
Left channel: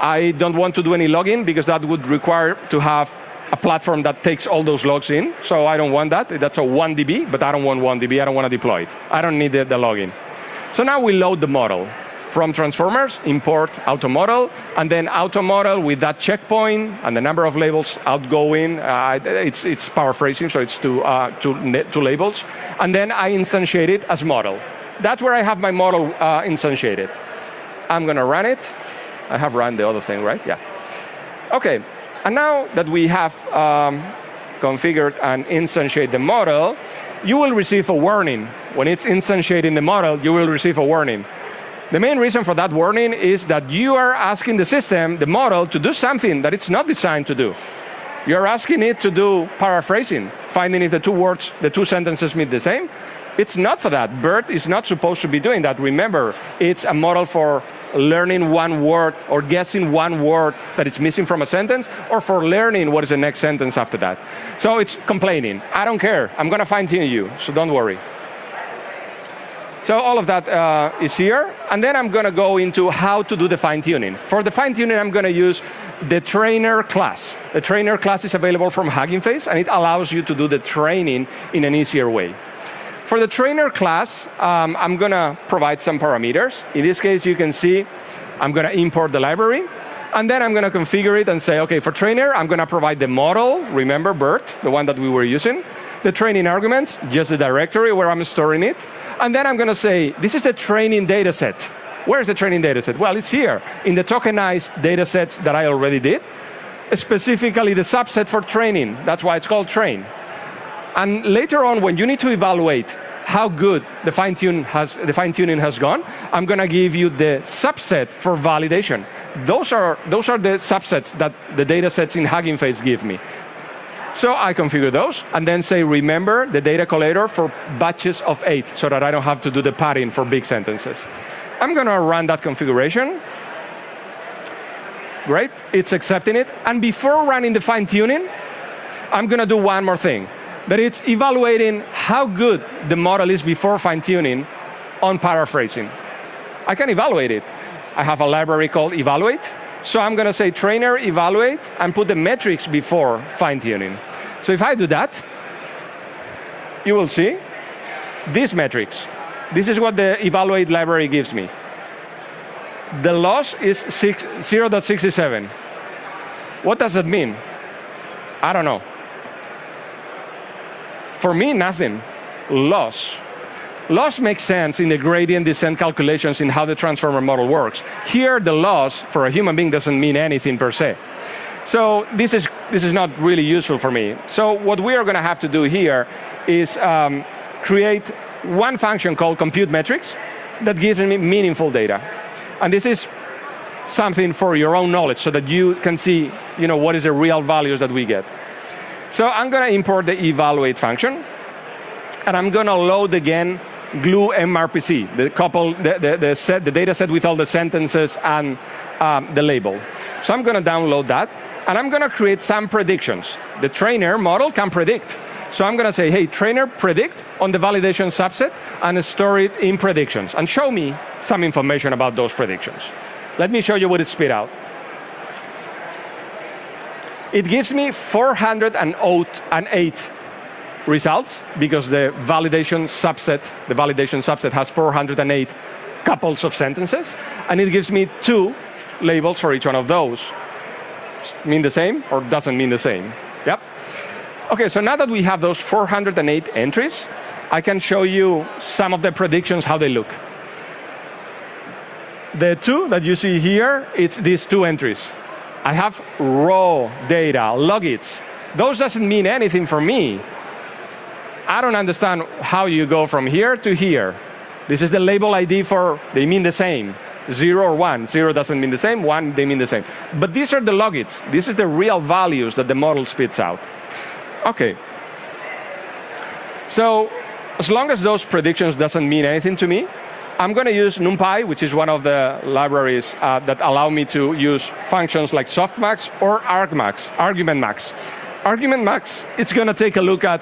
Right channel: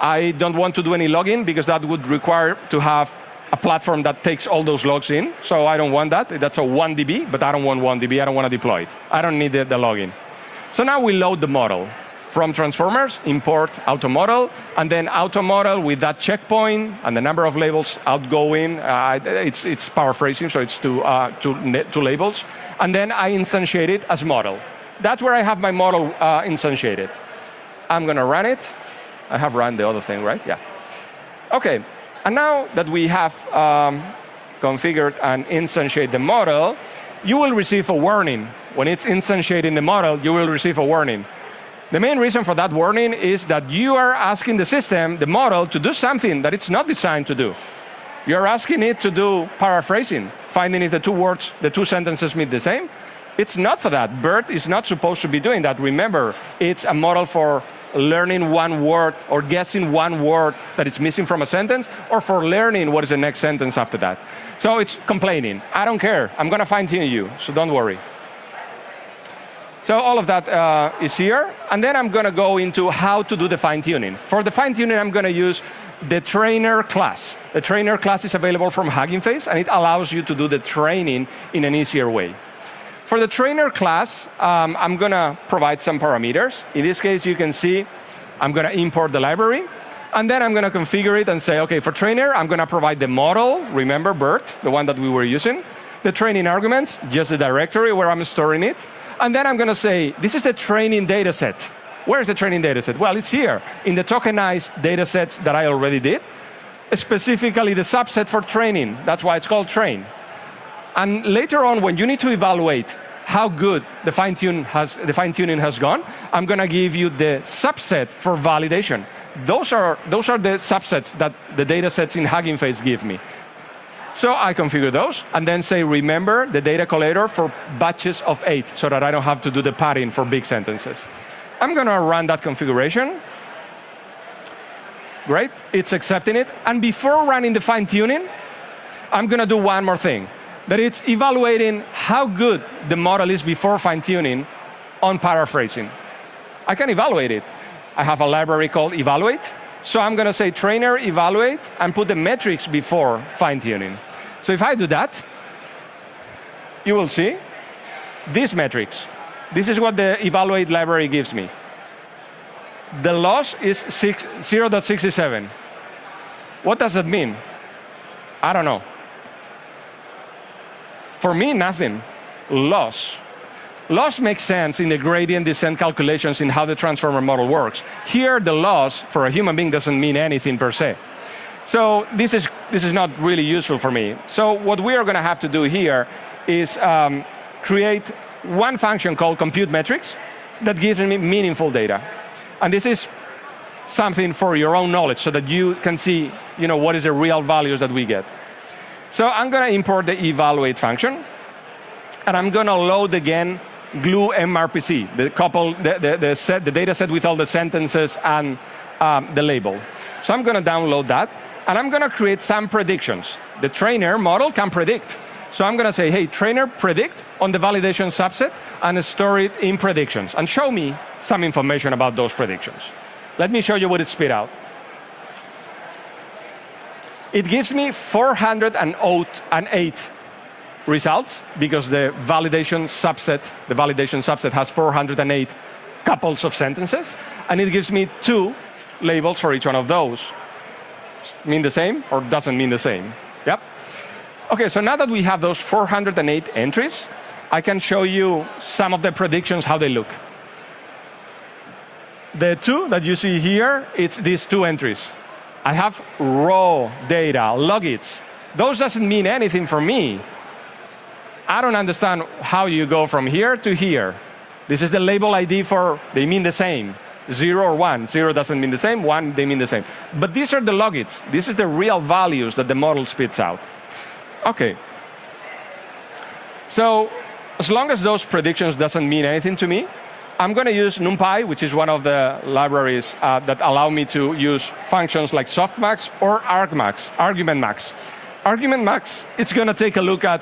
I don't want to do any login because that would require to have a platform that takes all those logs in. So I don't want that. That's a 1DB, but I don't want 1DB. I don't want to deploy it. I don't need the login. So now we load the model. From transformers, import auto model, and then auto model with that checkpoint and the number of labels outgoing. It's paraphrasing, so it's two labels. And then I instantiate it as model. That's where I have my model instantiated. I'm going to run it. I have run the other thing, right? Yeah. Okay. And now that we have configured and instantiated the model, you will receive a warning. When it's instantiating the model, you will receive a warning. The main reason for that warning is that you are asking the system, the model, to do something that it's not designed to do. You're asking it to do paraphrasing, finding if the two words, the two sentences mean the same. It's not for that. BERT is not supposed to be doing that. Remember, it's a model for learning one word or guessing one word that is missing from a sentence, or for learning what is the next sentence after that. So it's complaining. I don't care. I'm going to fine-tune you, so don't worry. So all of that is here. And then I'm going to go into how to do the fine-tuning. For the fine-tuning, I'm going to use the trainer class. The trainer class is available from Hugging Face, and it allows you to do the training in an easier way. For the trainer class, I'm going to provide some parameters. In this case, you can see I'm going to import the library. And then I'm going to configure it and say, OK, for trainer, I'm going to provide the model. Remember, BERT, the one that we were using. The training arguments, just the directory where I'm storing it. And then I'm going to say, this is the training data set. Where's the training data set? Well, it's here in the tokenized data sets that I already did, specifically the subset for training. That's why it's called train. And later on, when you need to evaluate how good the fine-tuning has gone, I'm going to give you the subset for validation. Those are the subsets that the data sets in Hugging Face give me. So I configure those, and then say, remember the data collator for batches of 8, so that I don't have to do the padding for big sentences. I'm going to run that configuration. Great, it's accepting it. And before running the fine-tuning, I'm going to do one more thing. That it's evaluating how good the model is before fine-tuning on paraphrasing. I can evaluate it. I have a library called evaluate. So I'm going to say trainer evaluate and put the metrics before fine-tuning. So if I do that, you will see these metrics. This is what the evaluate library gives me. The loss is 0.67. What does it mean? I don't know. For me, nothing. Loss. Loss makes sense in the gradient descent calculations in how the transformer model works. Here, the loss for a human being doesn't mean anything per se. So this is not really useful for me. So what we are going to have to do here is create one function called compute metrics that gives me meaningful data. And this is something for your own knowledge so that you can see, what is the real values that we get. So I'm going to import the evaluate function, and I'm going to load again glue MRPC, the data set with all the sentences and the label. So I'm going to download that, and I'm going to create some predictions. The trainer model can predict. So I'm going to say, hey, trainer, predict on the validation subset, and store it in predictions, and show me some information about those predictions. Let me show you what it spit out. It gives me 408 results, because the validation subset has 408 couples of sentences, and it gives me 2 labels for each one of those. Mean the same or doesn't mean the same? Yep. Okay, so now that we have those 408 entries, I can show you some of the predictions, how they look. The 2 that you see here, it's these 2 entries. I have raw data, logits. Those doesn't mean anything for me. I don't understand how you go from here to here. This is the label ID for, they mean the same. 0 or 1. 0 doesn't mean the same, 1, they mean the same. But these are the logits. This is the real values that the model spits out. Okay. So, as long as those predictions doesn't mean anything to me, I'm going to use NumPy, which is one of the libraries that allow me to use functions like softmax or argmax, argument max. Argument max, it's going to take a look at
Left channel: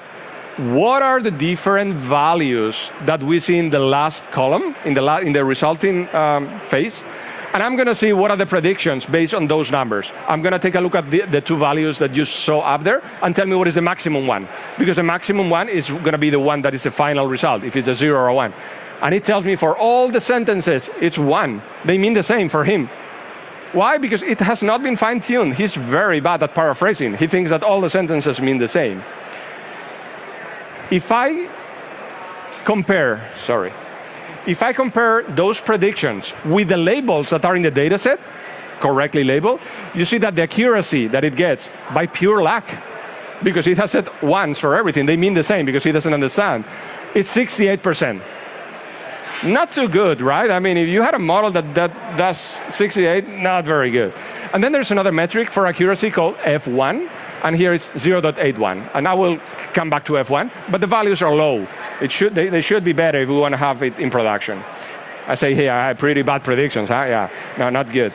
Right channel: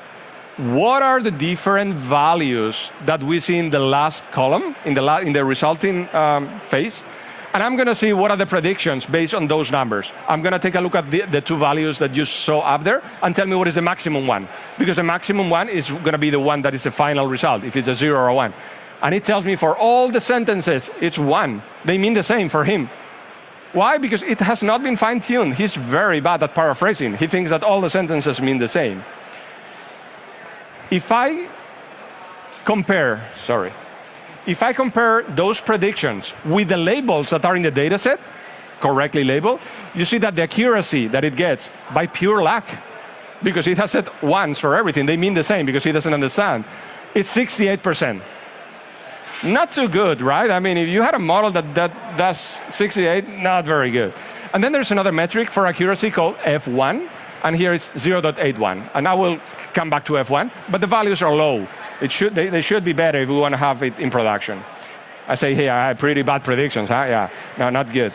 what are the different values that we see in the last column, in the resulting phase, and I'm going to see what are the predictions based on those numbers. I'm going to take a look at the 2 values that you saw up there and tell me what is the maximum one, because the maximum one is going to be the one that is the final result, if it's a 0 or a 1. And it tells me for all the sentences, it's 1. They mean the same for him. Why? Because it has not been fine-tuned. He's very bad at paraphrasing. He thinks that all the sentences mean the same. If I compare those predictions with the labels that are in the data set, correctly labeled, you see that the accuracy that it gets by pure luck, because it has said once for everything, they mean the same because he doesn't understand, it's 68%. Not too good, right? I mean, if you had a model that does 68, not very good. And then there's another metric for accuracy called F1, and here it's 0.81. And I will come back to F1, but the values are low. They should be better if we want to have it in production. I say, hey, I have pretty bad predictions, huh? Yeah, no, not good.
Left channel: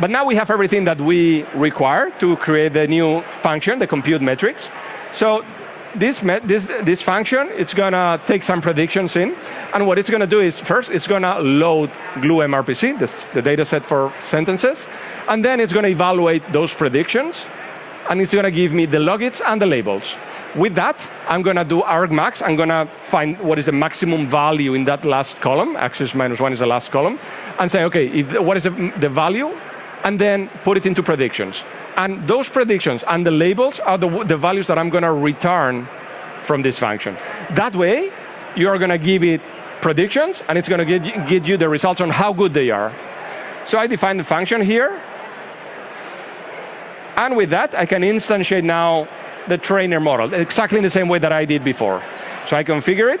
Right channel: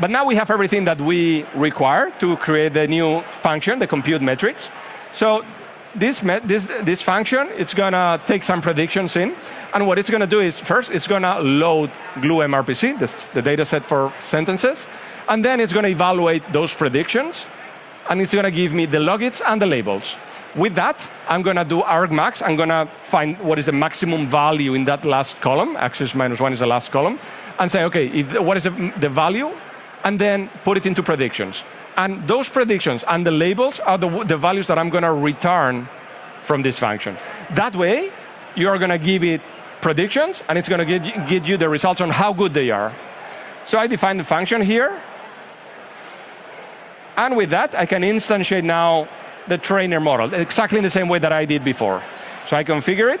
But now we have everything that we require to create the new function, the compute metrics. So this function, it's going to take some predictions in. And what it's going to do is, first, it's going to load glue MRPC, the data set for sentences. And then it's going to evaluate those predictions. And it's going to give me the logits and the labels. With that, I'm going to do argmax. I'm going to find what is the maximum value in that last column. Axis minus 1 is the last column. And say, okay, what is the value? And then put it into predictions. And those predictions and the labels are the values that I'm going to return from this function. That way, you're going to give it predictions, and it's going to get you the results on how good they are. So I define the function here. And with that, I can instantiate now the trainer model, exactly in the same way that I did before. So I configure it.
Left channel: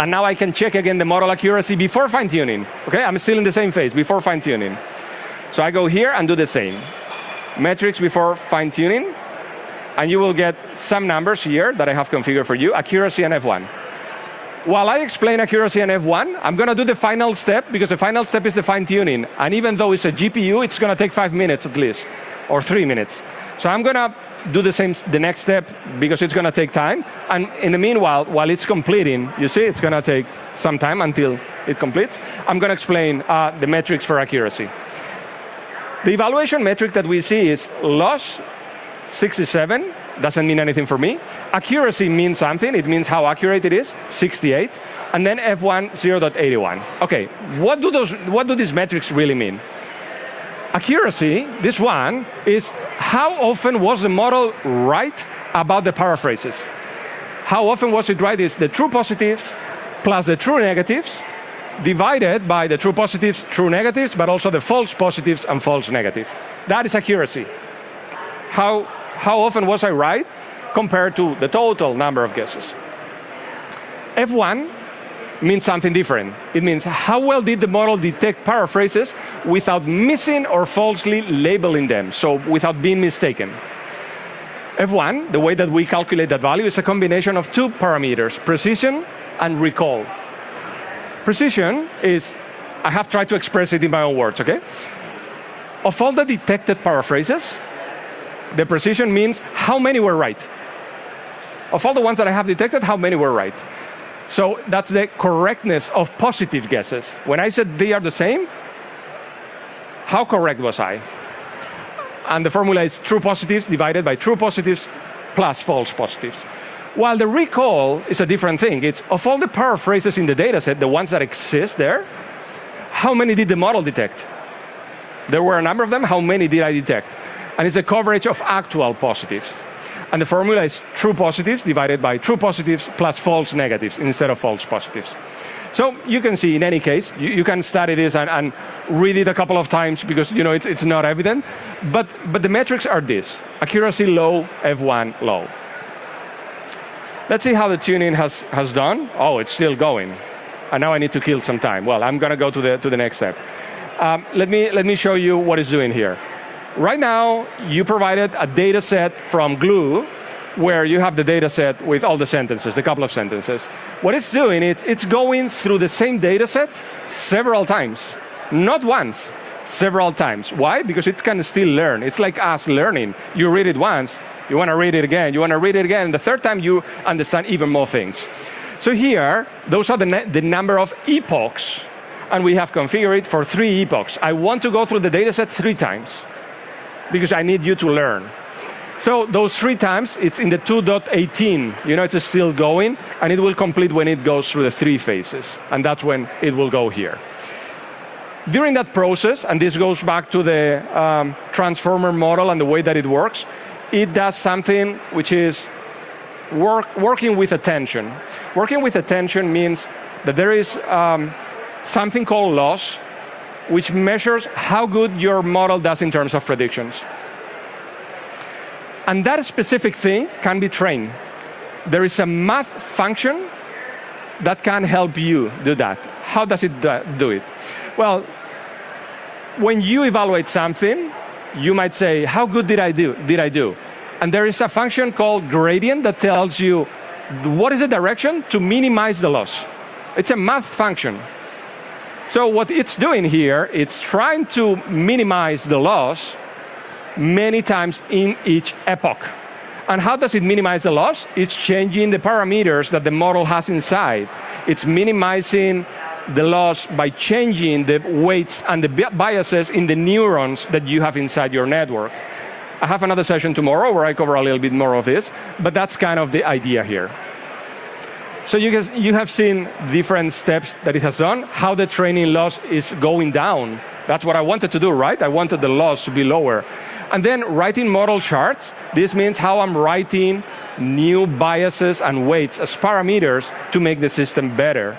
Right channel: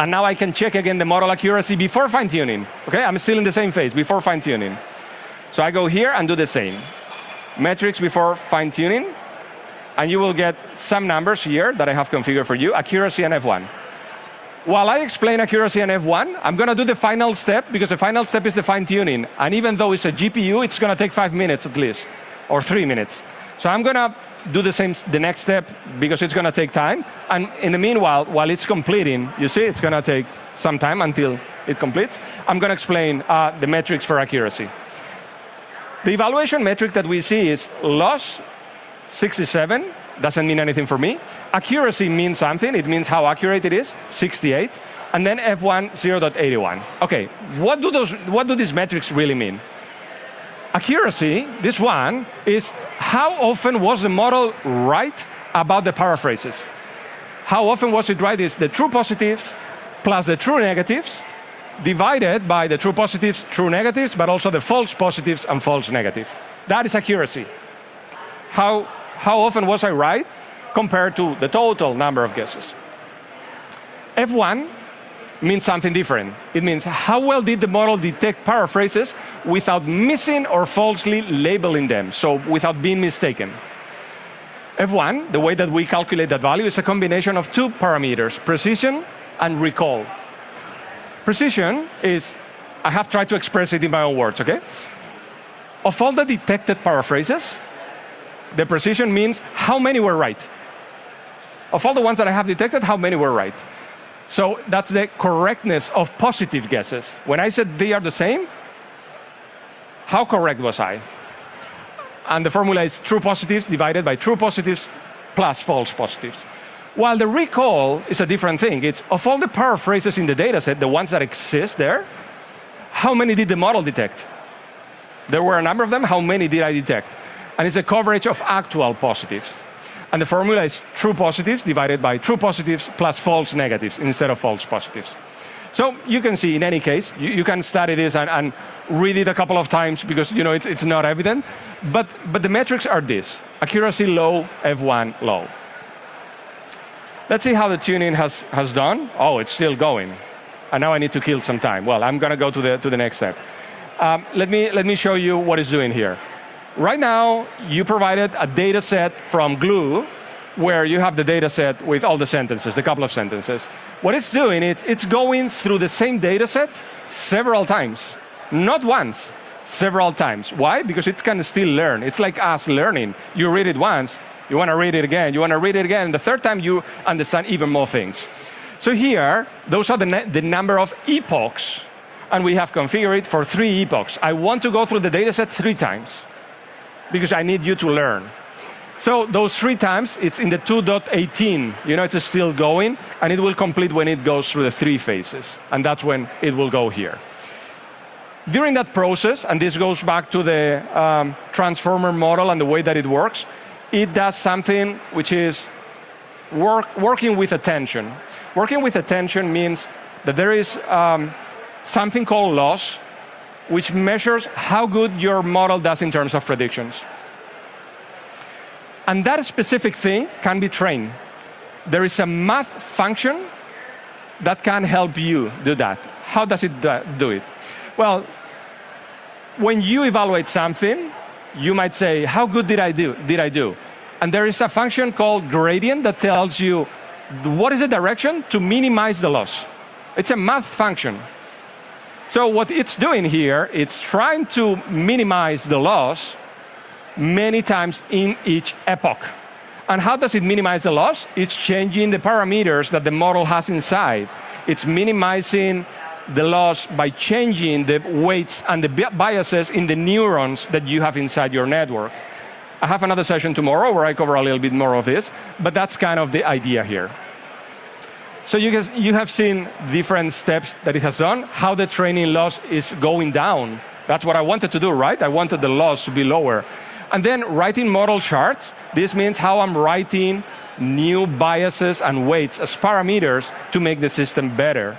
And now I can check again the model accuracy before fine-tuning. Okay, I'm still in the same phase, before fine-tuning. So I go here and do the same. Metrics before fine-tuning. And you will get some numbers here that I have configured for you, accuracy and F1. While I explain accuracy and F1, I'm going to do the final step, because the final step is the fine-tuning. And even though it's a GPU, it's going to take 5 minutes at least, or 3 minutes. So I'm going to do the next step, because it's going to take time. And in the meanwhile, while it's completing, you see, it's going to take some time until it completes. I'm going to explain the metrics for accuracy. The evaluation metric that we see is loss, 67. Doesn't mean anything for me. Accuracy means something. It means how accurate it is, 68. And then F1, 0.81. Okay, what do these metrics really mean? Accuracy, this one, is how often was the model right about the paraphrases? How often was it right is the true positives plus the true negatives divided by the true positives, true negatives, but also the false positives and false negatives. That is accuracy. How often was I right compared to the total number of guesses? F1 means something different. It means how well did the model detect paraphrases without missing or falsely labeling them, so without being mistaken. F1, the way that we calculate that value, is a combination of 2 parameters, precision and recall. Precision is, I have tried to express it in my own words, okay? Of all the detected paraphrases, the precision means how many were right. Of all the ones that I have detected, how many were right? So that's the correctness of positive guesses. When I said they are the same, how correct was I? And the formula is true positives divided by true positives plus false positives. While the recall is a different thing. It's of all the paraphrases in the data set, the ones that exist there, how many did the model detect? There were a number of them, how many did I detect? And it's a coverage of actual positives. And the formula is true positives divided by true positives plus false negatives instead of false positives. So you can see in any case, you can study this and read it a couple of times because it's not evident. But the metrics are this: accuracy low, F1 low. Let's see how the tuning has done. Oh, it's still going. And now I need to kill some time. Well, I'm going to go to the next step. Let me show you what it's doing here. Right now, you provided a data set from Glue where you have the data set with all the sentences, the couple of sentences. What it's doing, it's going through the same data set several times. Not once, several times. Why? Because it can still learn. It's like us learning. You read it once, you want to read it again, you want to read it again. The third time, you understand even more things. So here, those are the number of epochs. And we have configured it for 3 epochs. I want to go through the data set 3 times because I need you to learn. So those 3 times, it's in the 2.18. It's still going, and it will complete when it goes through the 3 phases. And that's when it will go here. During that process, and this goes back to the transformer model and the way that it works, it does something which is working with attention. Working with attention means that there is something called loss, which measures how good your model does in terms of predictions. And that specific thing can be trained. There is a math function that can help you do that. How does it do it? Well, when you evaluate something, you might say, how good did I do? And there is a function called gradient that tells you what is the direction to minimize the loss. It's a math function. So what it's doing here, it's trying to minimize the loss many times in each epoch. And how does it minimize the loss? It's changing the parameters that the model has inside. It's minimizing the loss by changing the weights and the biases in the neurons that you have inside your network. I have another session tomorrow where I cover a little bit more of this, but that's kind of the idea here. So you have seen different steps that it has done, how the training loss is going down. That's what I wanted to do, right? I wanted the loss to be lower. And then writing model charts, this means how I'm writing new biases and weights as parameters to make the system better.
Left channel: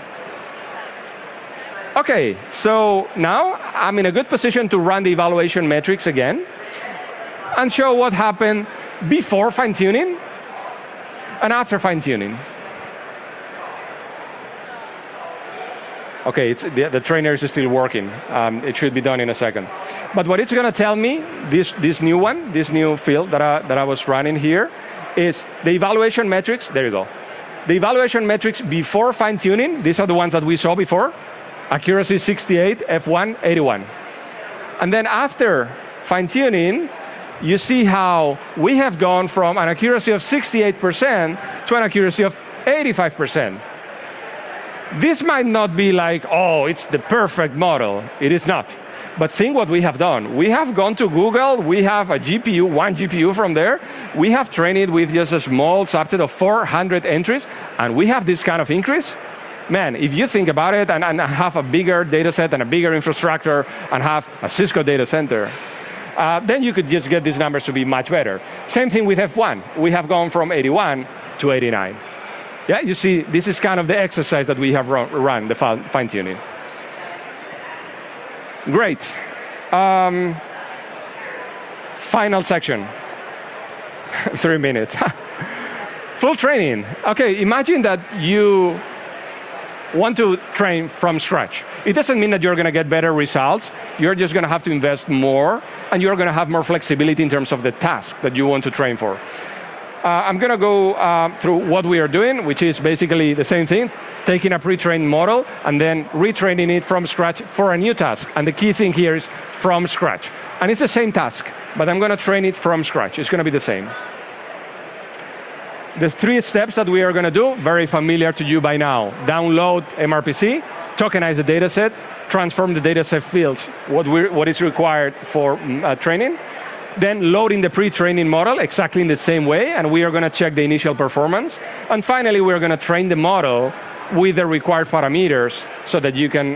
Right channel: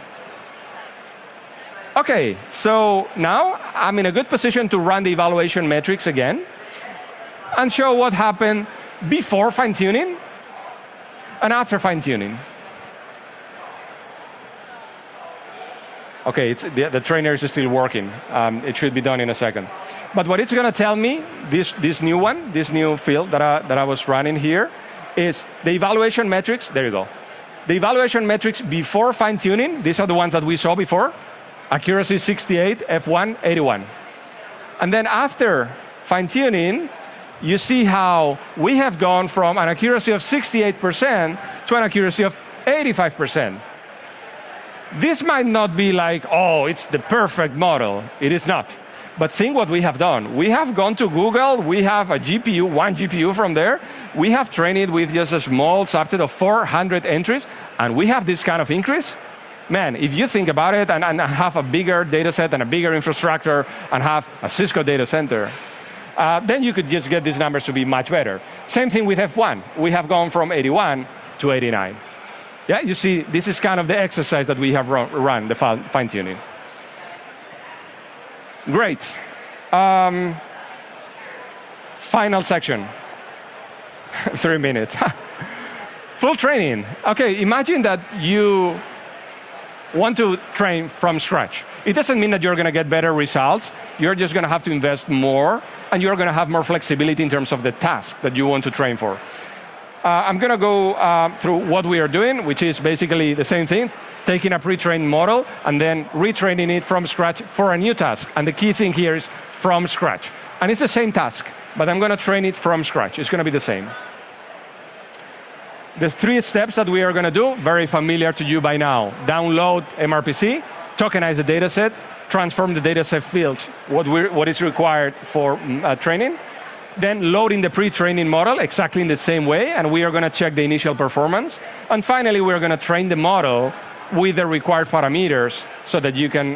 Okay, so now I'm in a good position to run the evaluation metrics again and show what happened before fine-tuning and after fine-tuning. Okay, the trainer is still working. It should be done in a second. But what it's going to tell me, this new field that I was running here, is the evaluation metrics. There you go. The evaluation metrics before fine-tuning, these are the ones that we saw before. Accuracy 68, F1 81. And then after fine-tuning, you see how we have gone from an accuracy of 68% to an accuracy of 85%. This might not be like, oh, it's the perfect model. It is not. But think what we have done. We have gone to Google. We have a GPU, one GPU from there. We have trained it with just a small subset of 400 entries, and we have this kind of increase. Man, if you think about it and have a bigger data set and a bigger infrastructure and have a Cisco data center, then you could just get these numbers to be much better. Same thing with F1. We have gone from 81 to 89. Yeah, you see, this is kind of the exercise that we have run the fine-tuning. Great. Final section. 3 minutes. Full training. Okay, imagine that you want to train from scratch. It doesn't mean that you're going to get better results. You're just going to have to invest more, and you're going to have more flexibility in terms of the task that you want to train for. I'm going to go through what we are doing, which is basically the same thing. taking a pre-trained model and then retraining it from scratch for a new task. And the key thing here is from scratch. And it's the same task, but I'm going to train it from scratch. It's going to be the same. The 3 steps that we are going to do, very familiar to you by now. Download MRPC, tokenize the data set, transform the data set fields, what is required for training. Then loading the pre-training model exactly in the same way, and we are going to check the initial performance. And finally, we're going to train the model with the required parameters so that you can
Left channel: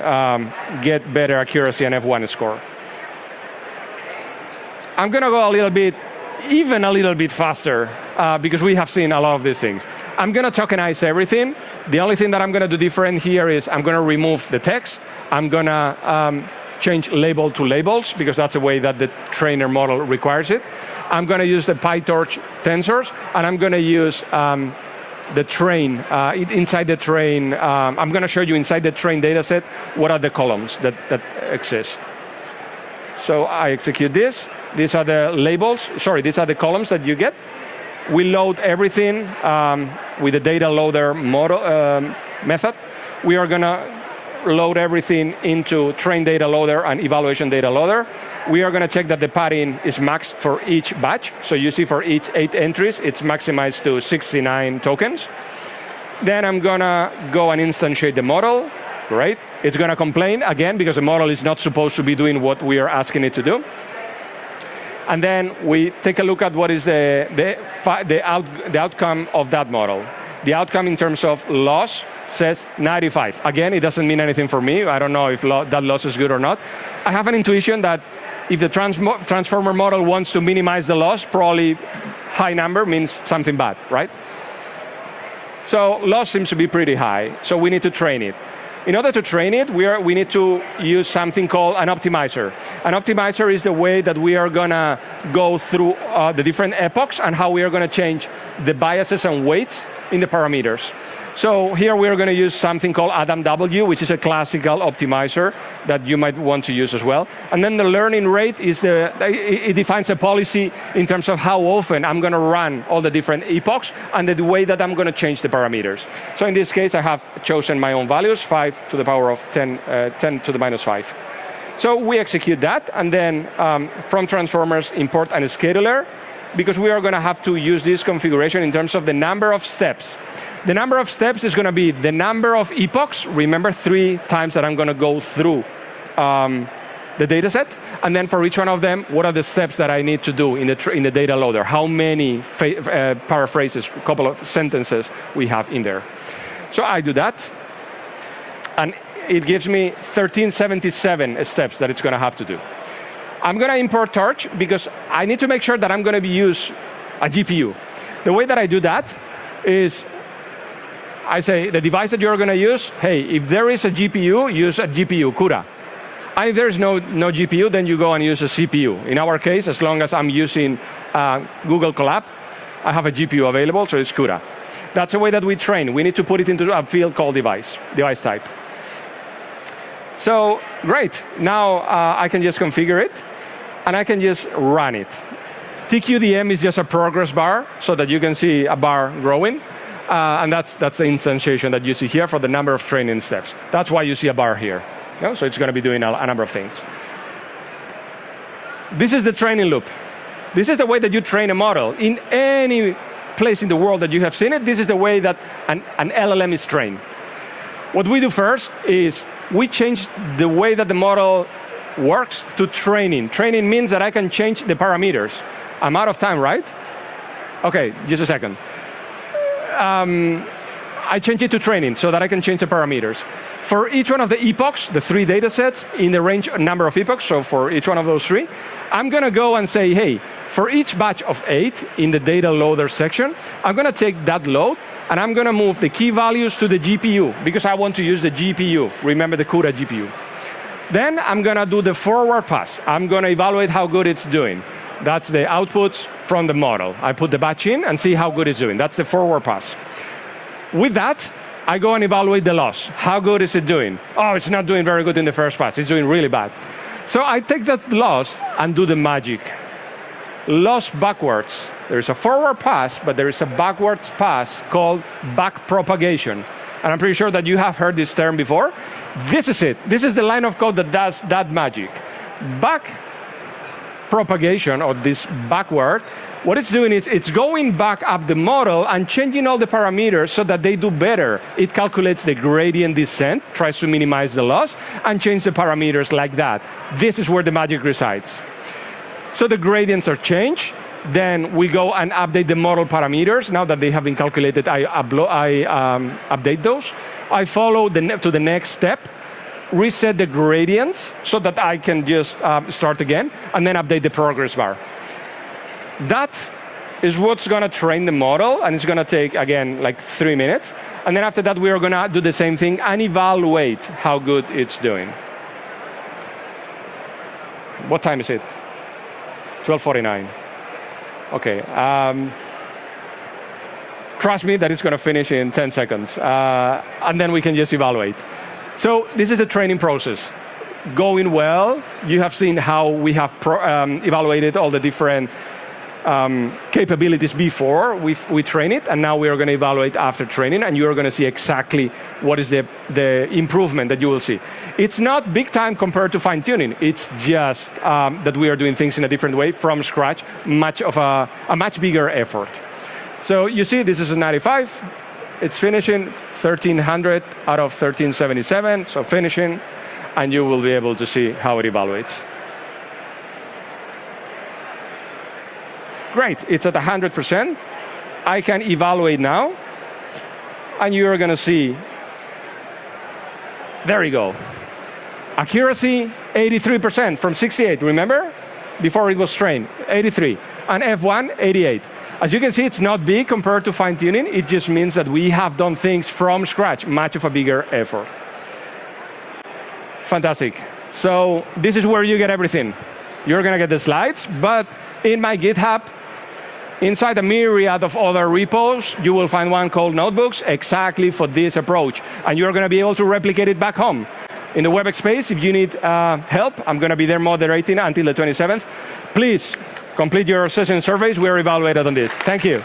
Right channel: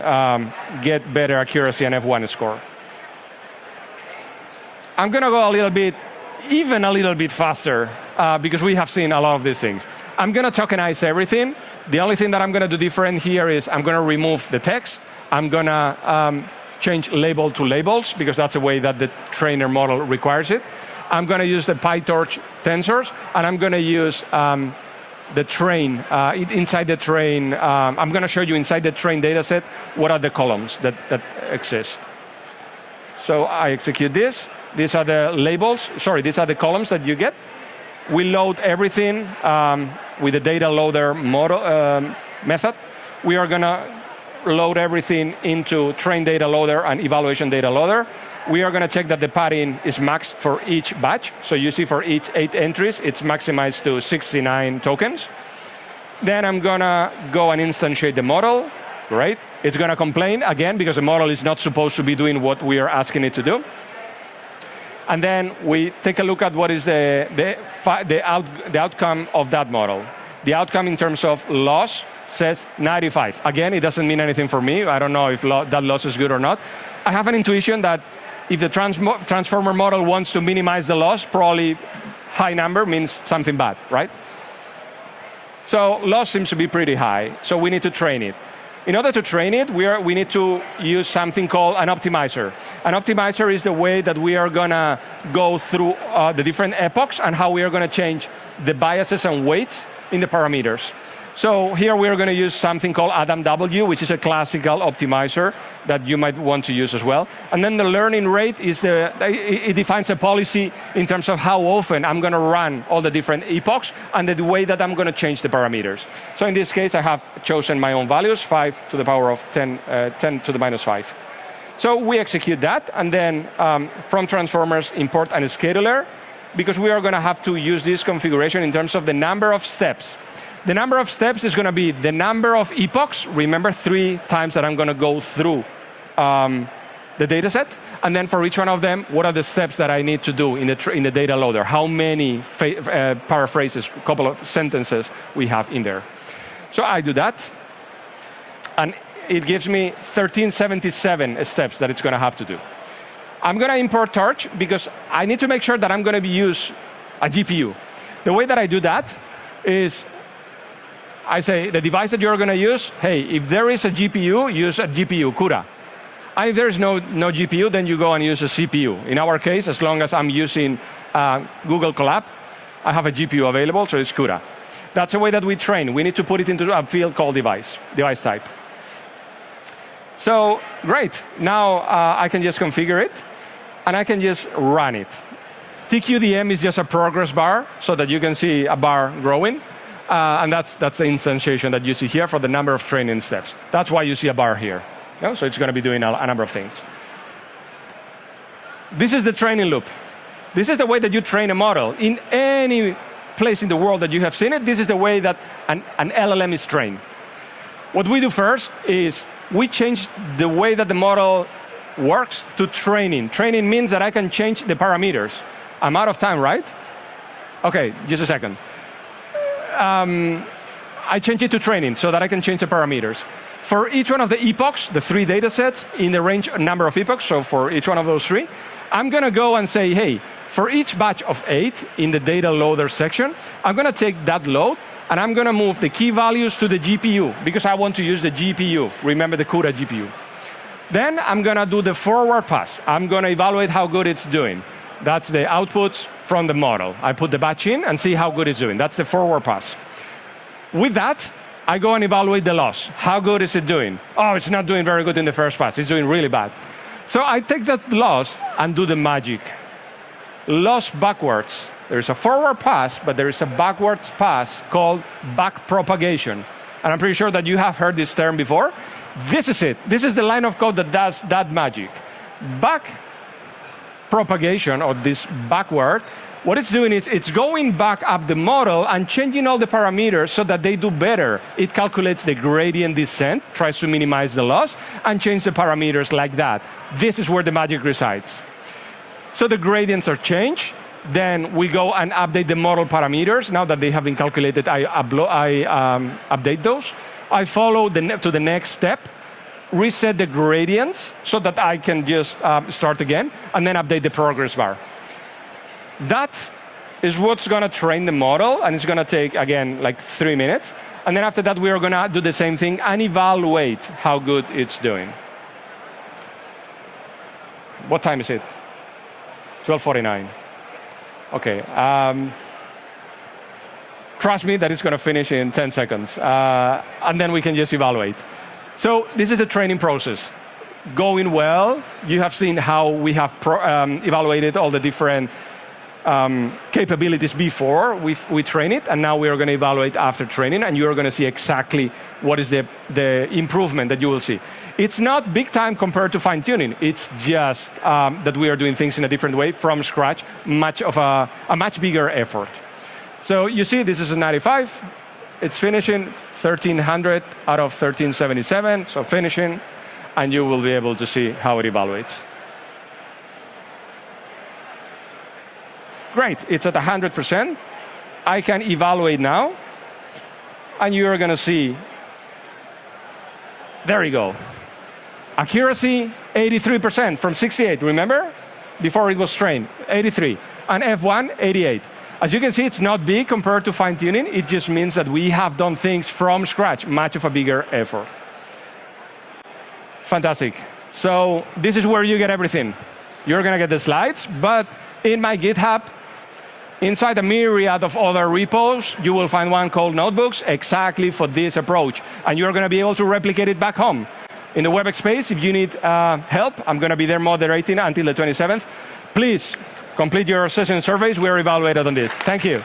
get better accuracy and F1 score. I'm going to go even a little bit faster because we have seen a lot of these things. I'm going to tokenize everything. The only thing that I'm going to do different here is I'm going to remove the text. I'm going to change label to labels because that's the way that the trainer model requires it. I'm going to use the PyTorch tensors, and I'm going to use the train. Inside the train, I'm going to show you inside the train data set what are the columns that exist. So I execute this. These are the labels. Sorry, these are the columns that you get. We load everything with the data loader model method. We are going to load everything into train data loader and evaluation data loader. We are going to check that the padding is maxed for each batch. So you see for each 8 entries, it's maximized to 69 tokens. Then I'm going to go and instantiate the model, right? It's going to complain again because the model is not supposed to be doing what we are asking it to do. And then we take a look at what is the outcome of that model. The outcome in terms of loss says 95. Again, it doesn't mean anything for me. I don't know if that loss is good or not. I have an intuition that if the transformer model wants to minimize the loss, probably high number means something bad, right? So loss seems to be pretty high, so we need to train it. In order to train it, we need to use something called an optimizer. An optimizer is the way that we are going to go through the different epochs and how we are going to change the biases and weights in the parameters. So here we are going to use something called AdamW, which is a classical optimizer that you might want to use as well. And then the learning rate is it defines a policy in terms of how often I'm going to run all the different epochs and the way that I'm going to change the parameters. So in this case, I have chosen my own values, 5 to the power of 10 to the minus 5. So we execute that, and then from transformers, import a scheduler, because we are going to have to use this configuration in terms of the number of steps. The number of steps is going to be the number of epochs. Remember, 3 times that I'm going to go through the data set. And then for each one of them, what are the steps that I need to do in the data loader? How many paraphrases, a couple of sentences we have in there. So I do that. And it gives me 1377 steps that it's going to have to do. I'm going to import Torch because I need to make sure that I'm going to use a GPU. The way that I do that is I say, the device that you're going to use, hey, if there is a GPU, use a GPU, CUDA. And if there's no GPU, then you go and use a CPU. In our case, as long as I'm using Google Colab, I have a GPU available, so it's CUDA. That's the way that we train. We need to put it into a field called device type. So, great. Now I can just configure it, and I can just run it. TQDM is just a progress bar, so that you can see a bar growing. And that's the instantiation that you see here for the number of training steps. That's why you see a bar here. Yeah? So it's going to be doing a number of things. This is the training loop. This is the way that you train a model. In any place in the world that you have seen it, this is the way that an LLM is trained. What we do first is we change the way that the model works to training. Training means that I can change the parameters. I'm out of time, right? Okay, just a second. I change it to training so that I can change the parameters. For each one of the epochs, the 3 data sets in the range number of epochs, so for each one of those 3, I'm going to go and say, hey, for each batch of 8 in the data loader section, I'm going to take that load and I'm going to move the key values to the GPU because I want to use the GPU. Remember the CUDA GPU. Then I'm going to do the forward pass. I'm going to evaluate how good it's doing. That's the output from the model. I put the batch in and see how good it's doing. That's the forward pass. With that, I go and evaluate the loss. How good is it doing? Oh, it's not doing very good in the first pass. It's doing really bad. So I take that loss and do the magic. Loss backwards. There is a forward pass, but there is a backwards pass called backpropagation. and I'm pretty sure that you have heard this term before. This is it. This is the line of code that does that magic. Back propagation, or this backward, what it's doing is it's going back up the model and changing all the parameters so that they do better. It calculates the gradient descent, tries to minimize the loss, and change the parameters like that. This is where the magic resides. So the gradients are changed. Then we go and update the model parameters. Now that they have been calculated, I update those. I follow to the next step, reset the gradients so that I can just start again, and then update the progress bar. That is what's going to train the model, and it's going to take, again, like 3 minutes. And then after that, we are going to do the same thing and evaluate how good it's doing. What time is it? 12:49. Okay. Trust me that it's going to finish in 10 seconds. And then we can just evaluate. So this is the training process. Going well. You have seen how we have evaluated all the different capabilities before we train it, and now we are going to evaluate after training, and you are going to see exactly what is the improvement that you will see. It's not big time compared to fine-tuning. It's just that we are doing things in a different way from scratch, a much bigger effort. So you see, this is a 95. It's finishing 1300 out of 1377, so finishing, and you will be able to see how it evaluates. Great, it's at 100%. I can evaluate now, and you're going to see, there you go. Accuracy, 83% from 68, remember? Before it was trained, 83. And F1, 88. As you can see, it's not big compared to fine-tuning. It just means that we have done things from scratch, much of a bigger effort. Fantastic. So this is where you get everything. You're going to get the slides, but in my GitHub, inside a myriad of other repos, you will find one called Notebooks exactly for this approach. And you're going to be able to replicate it back home. In the WebEx space, if you need help, I'm going to be there moderating until the 27th. Please complete your session surveys. We are evaluated on this. Thank you.